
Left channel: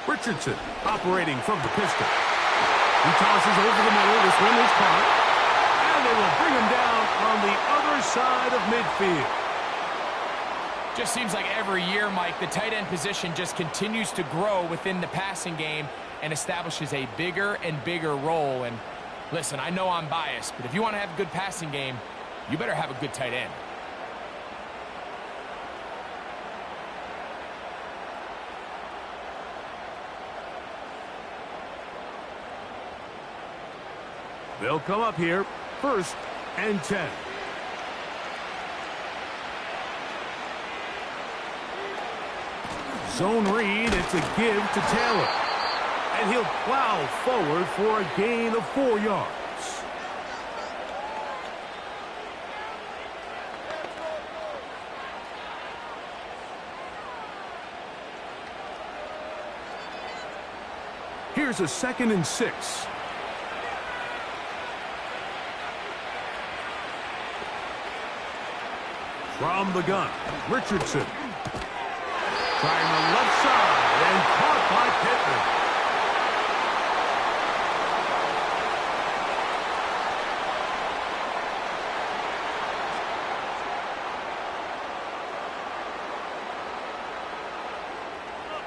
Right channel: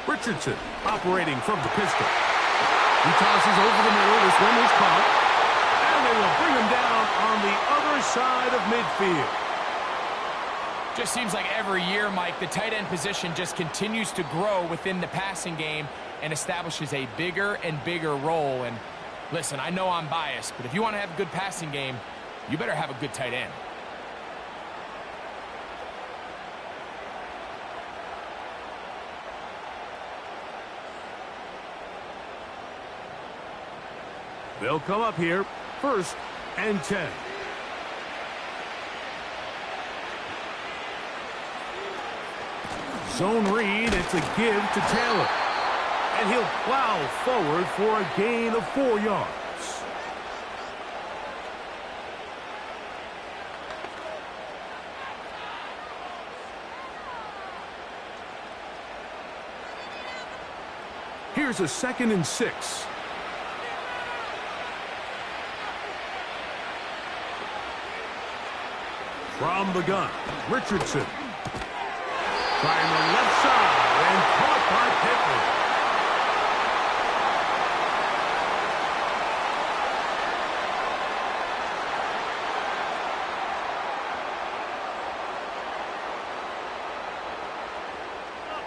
Richardson operating from the pistol. He tosses over the middle. This one is caught. And they will bring him down on the other side of midfield. Just seems like every year, Mike, the tight end position just continues to grow within the passing game and establishes a bigger and bigger role. And listen, I know I'm biased, but if you want to have a good passing game, you better have a good tight end. They'll come up here, 1st and 10. Zone read, it's a give to Taylor. And he'll plow forward for a gain of 4 yards. Here's a 2nd and 6. From the gun, Richardson. Trying the left side and caught by Pittman.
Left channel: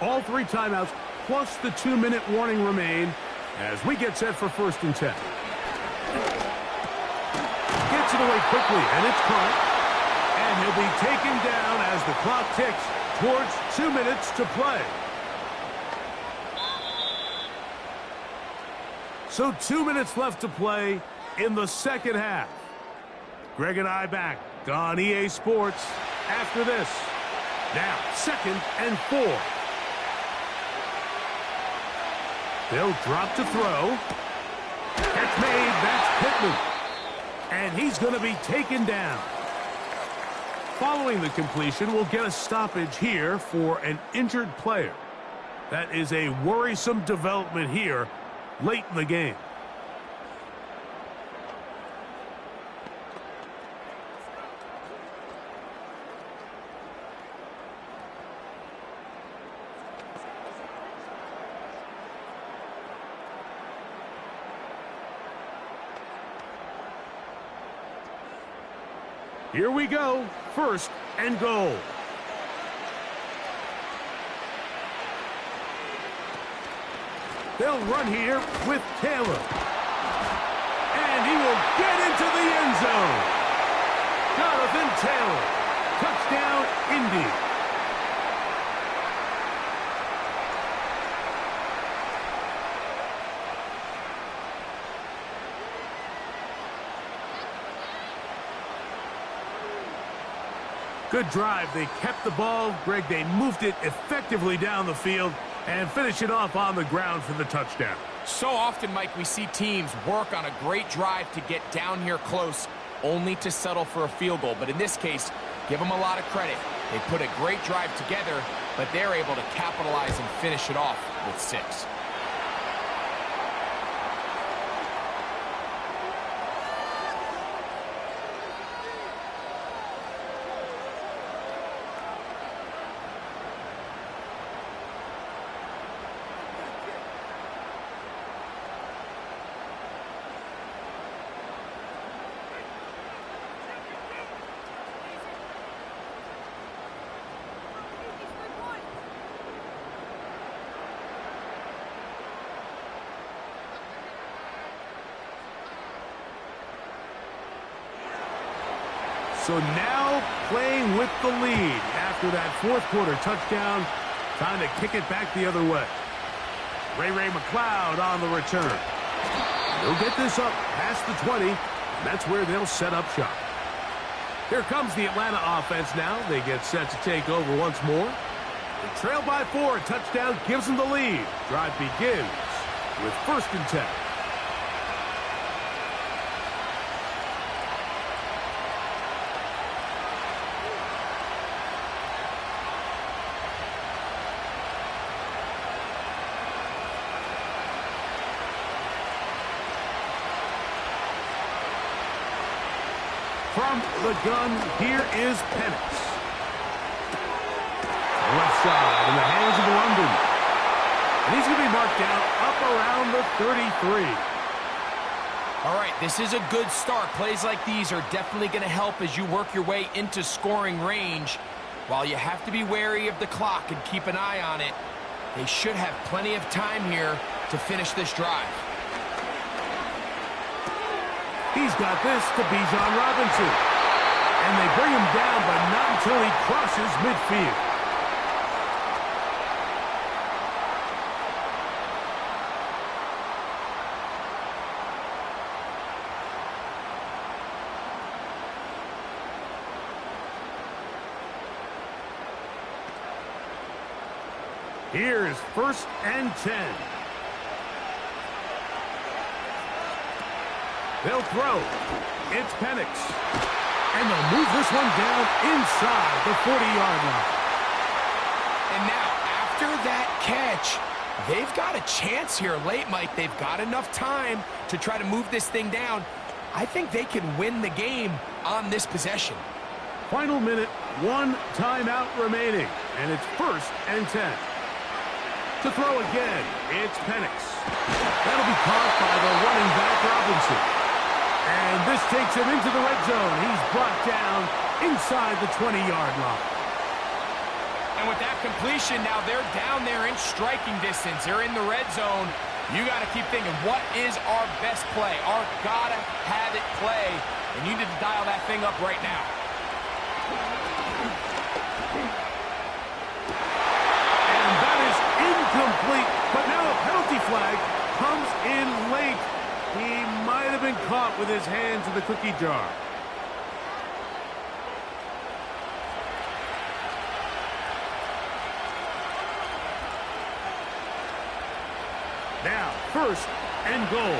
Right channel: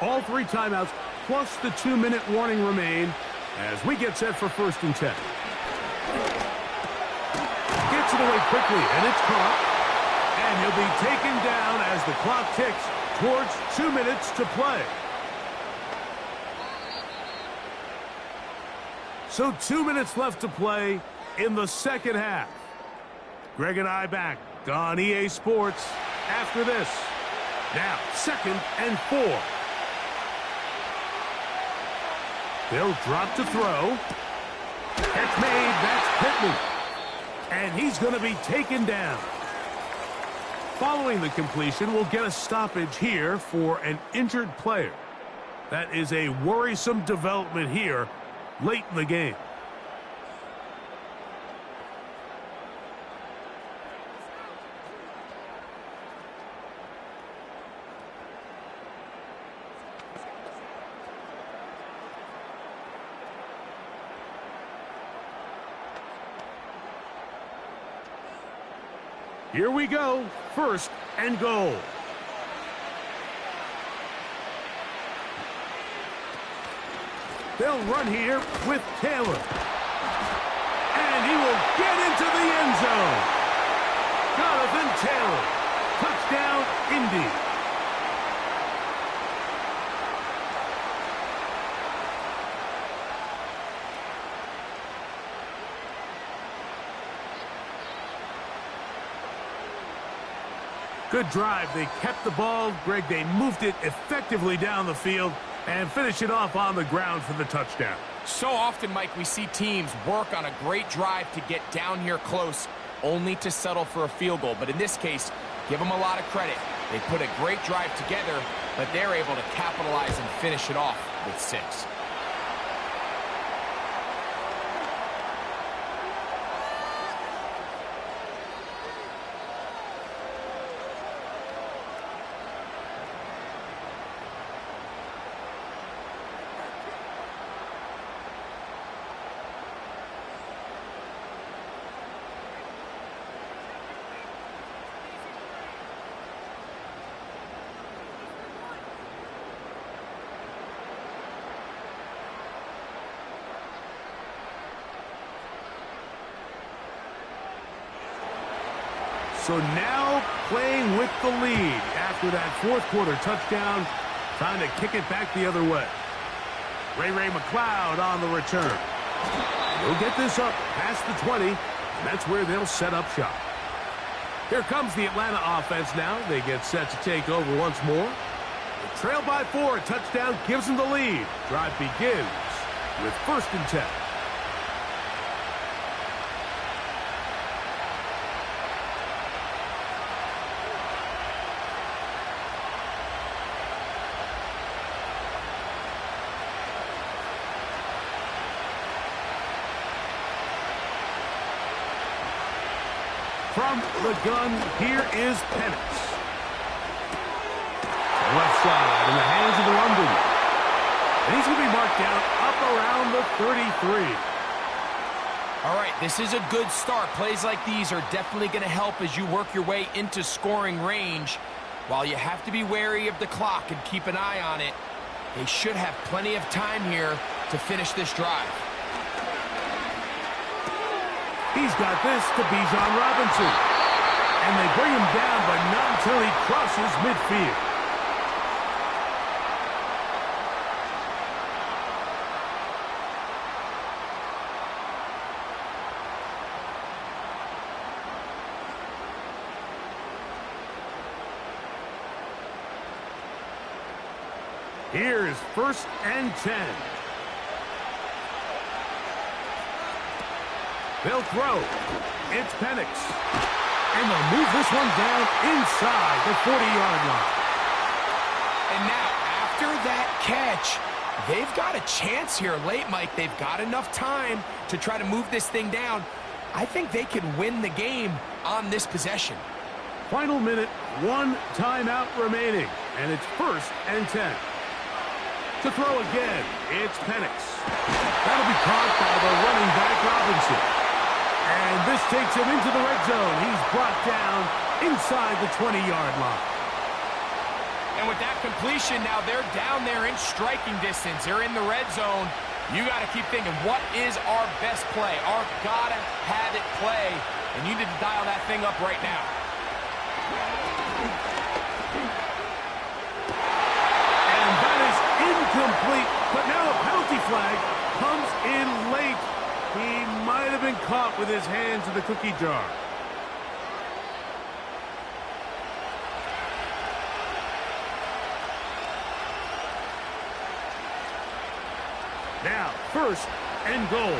All 3 timeouts plus the 2-minute warning remain as we get set for 1st and 10. Gets it away quickly, and it's caught. And he'll be taken down as the clock ticks towards 2 minutes to play. So 2 minutes left to play in the second half. Greg and I back on EA Sports after this. Now, 2nd and 4. They'll drop to throw. Catch made. That's Pittman. And he's going to be taken down. Following the completion, we'll get a stoppage here for an injured player. That is a worrisome development here late in the game. Here we go. 1st and goal. They'll run here with Taylor. And he will get into the end zone. Jonathan Taylor. Touchdown, Indy. Good drive. They kept the ball. Greg, they moved it effectively down the field and finished it off on the ground for the touchdown. So often, Mike, we see teams work on a great drive to get down here close, only to settle for a field goal. But in this case, give them a lot of credit. They put a great drive together, but they're able to capitalize and finish it off with 6. So now playing with the lead after that 4th quarter touchdown, trying to kick it back the other way. Ray McLeod on the return. They'll get this up past the 20, and that's where they'll set up shop. Here comes the Atlanta offense now. They get set to take over once more. They trail by 4. A touchdown gives them the lead. Drive begins with 1st and 10. From the gun, here is Penix. Left side in the hands of London. And he's going to be marked down up around the 33. All right, this is a good start. Plays like these are definitely going to help as you work your way into scoring range. While you have to be wary of the clock and keep an eye on it, they should have plenty of time here to finish this drive. He's got this to Bijan Robinson. And they bring him down, but not until he crosses midfield. Here's 1st and 10. They'll throw. It's Penix. And they'll move this one down inside the 40-yard line. And now, after that catch, they've got a chance here late, Mike. They've got enough time to try to move this thing down. I think they can win the game on this possession. final minute, 1 timeout remaining, and it's 1st and 10. To throw again, it's Penix. That'll be caught by the running back Robinson. And this takes him into the red zone. He's brought down inside the 20-yard line. And with that completion, now they're down there in striking distance. They're in the red zone. You got to keep thinking, what is our best play? Our gotta-have-it play. And you need to dial that thing up right now. And that is incomplete. But now a penalty flag comes in late. He might have been caught with his hands in the cookie jar. Now, 1st and goal.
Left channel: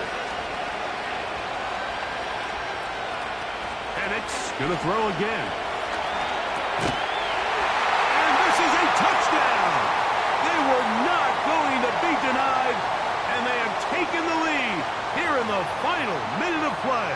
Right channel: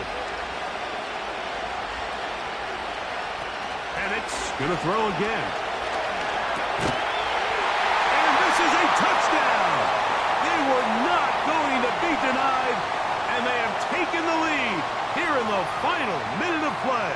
Penix going to throw again. And this is a touchdown. They were not going to be denied, and they have taken the lead here in the final minute of play.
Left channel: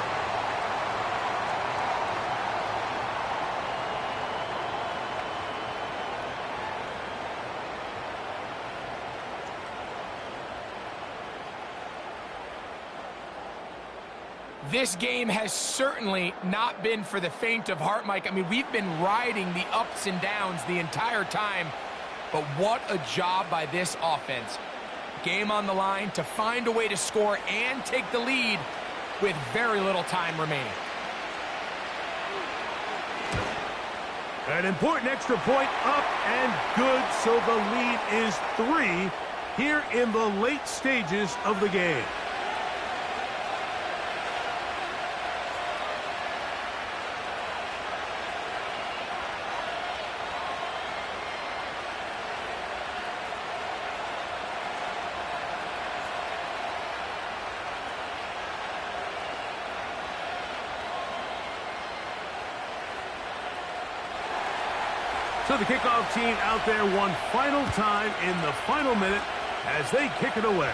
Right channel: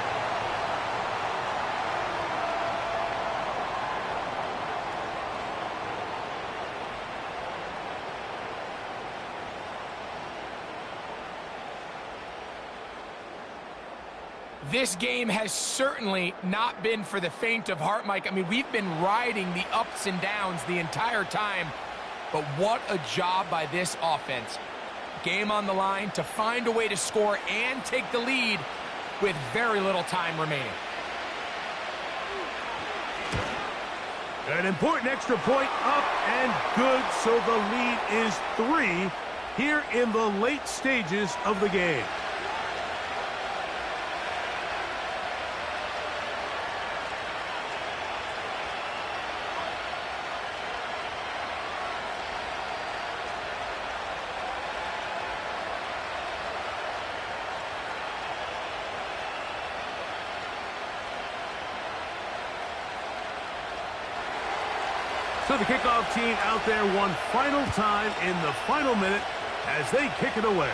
This game has certainly not been for the faint of heart, Mike. I mean, we've been riding the ups and downs the entire time, but what a job by this offense. Game on the line to find a way to score and take the lead with very little time remaining. An important extra point up and good, so the lead is 3 here in the late stages of the game. So the kickoff team out there one final time in the final minute as they kick it away.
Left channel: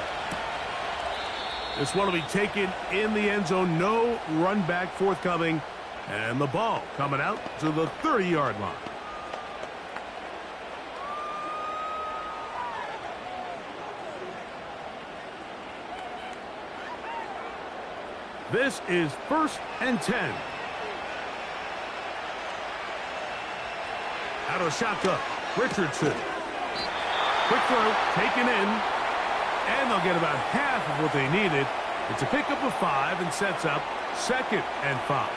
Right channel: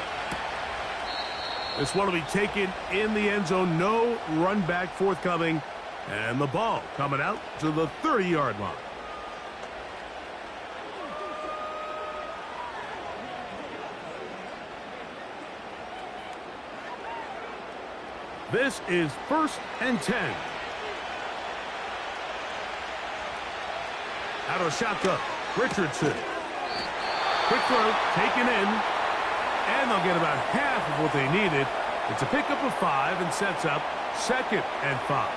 This one will be taken in the end zone. No run back forthcoming. And the ball coming out to the 30-yard line. This is 1st and 10. Out of shotgun, Richardson. Quick throw, taken in, and they'll get about half of what they needed. It's a pickup of 5 and sets up 2nd and 5.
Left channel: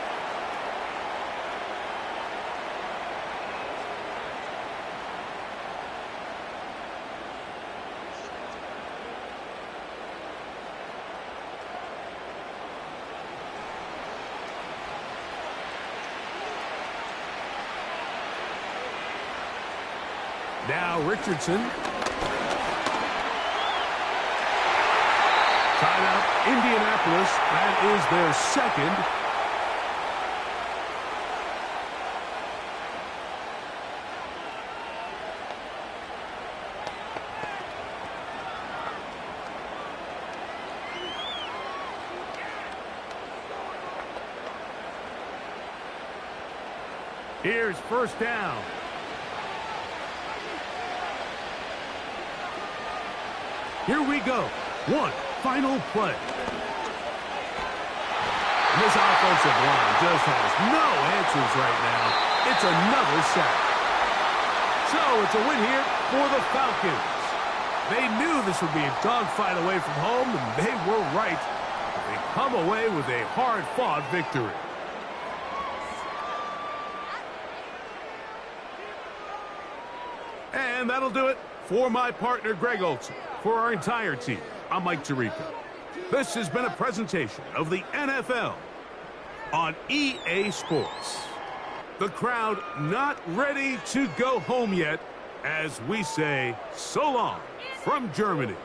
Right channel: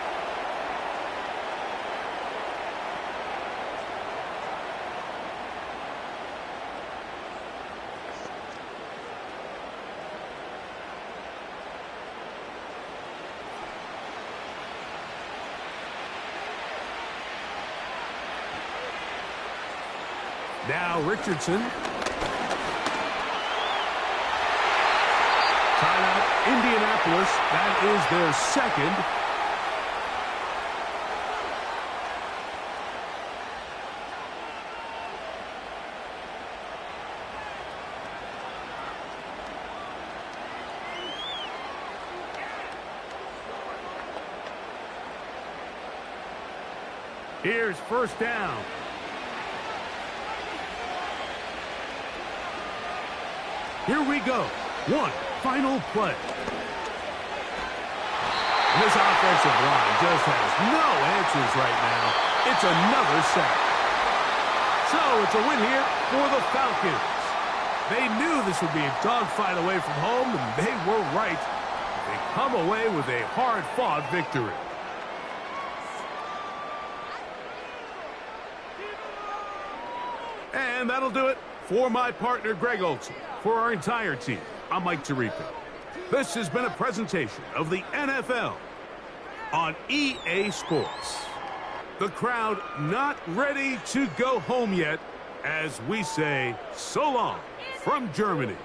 Now Richardson. Timeout, Indianapolis. That is their 2nd. Here's 1st down. Here we go. One final play. And this offensive line just has no answers right now. It's another sack. So it's a win here for the Falcons. They knew this would be a dogfight away from home, and they were right. They come away with a hard-fought victory. And that'll do it for my partner, Greg Olson. For our entire team, I'm Mike Tirico. This has been a presentation of the NFL on EA Sports. The crowd not ready to go home yet as we say so long from Germany.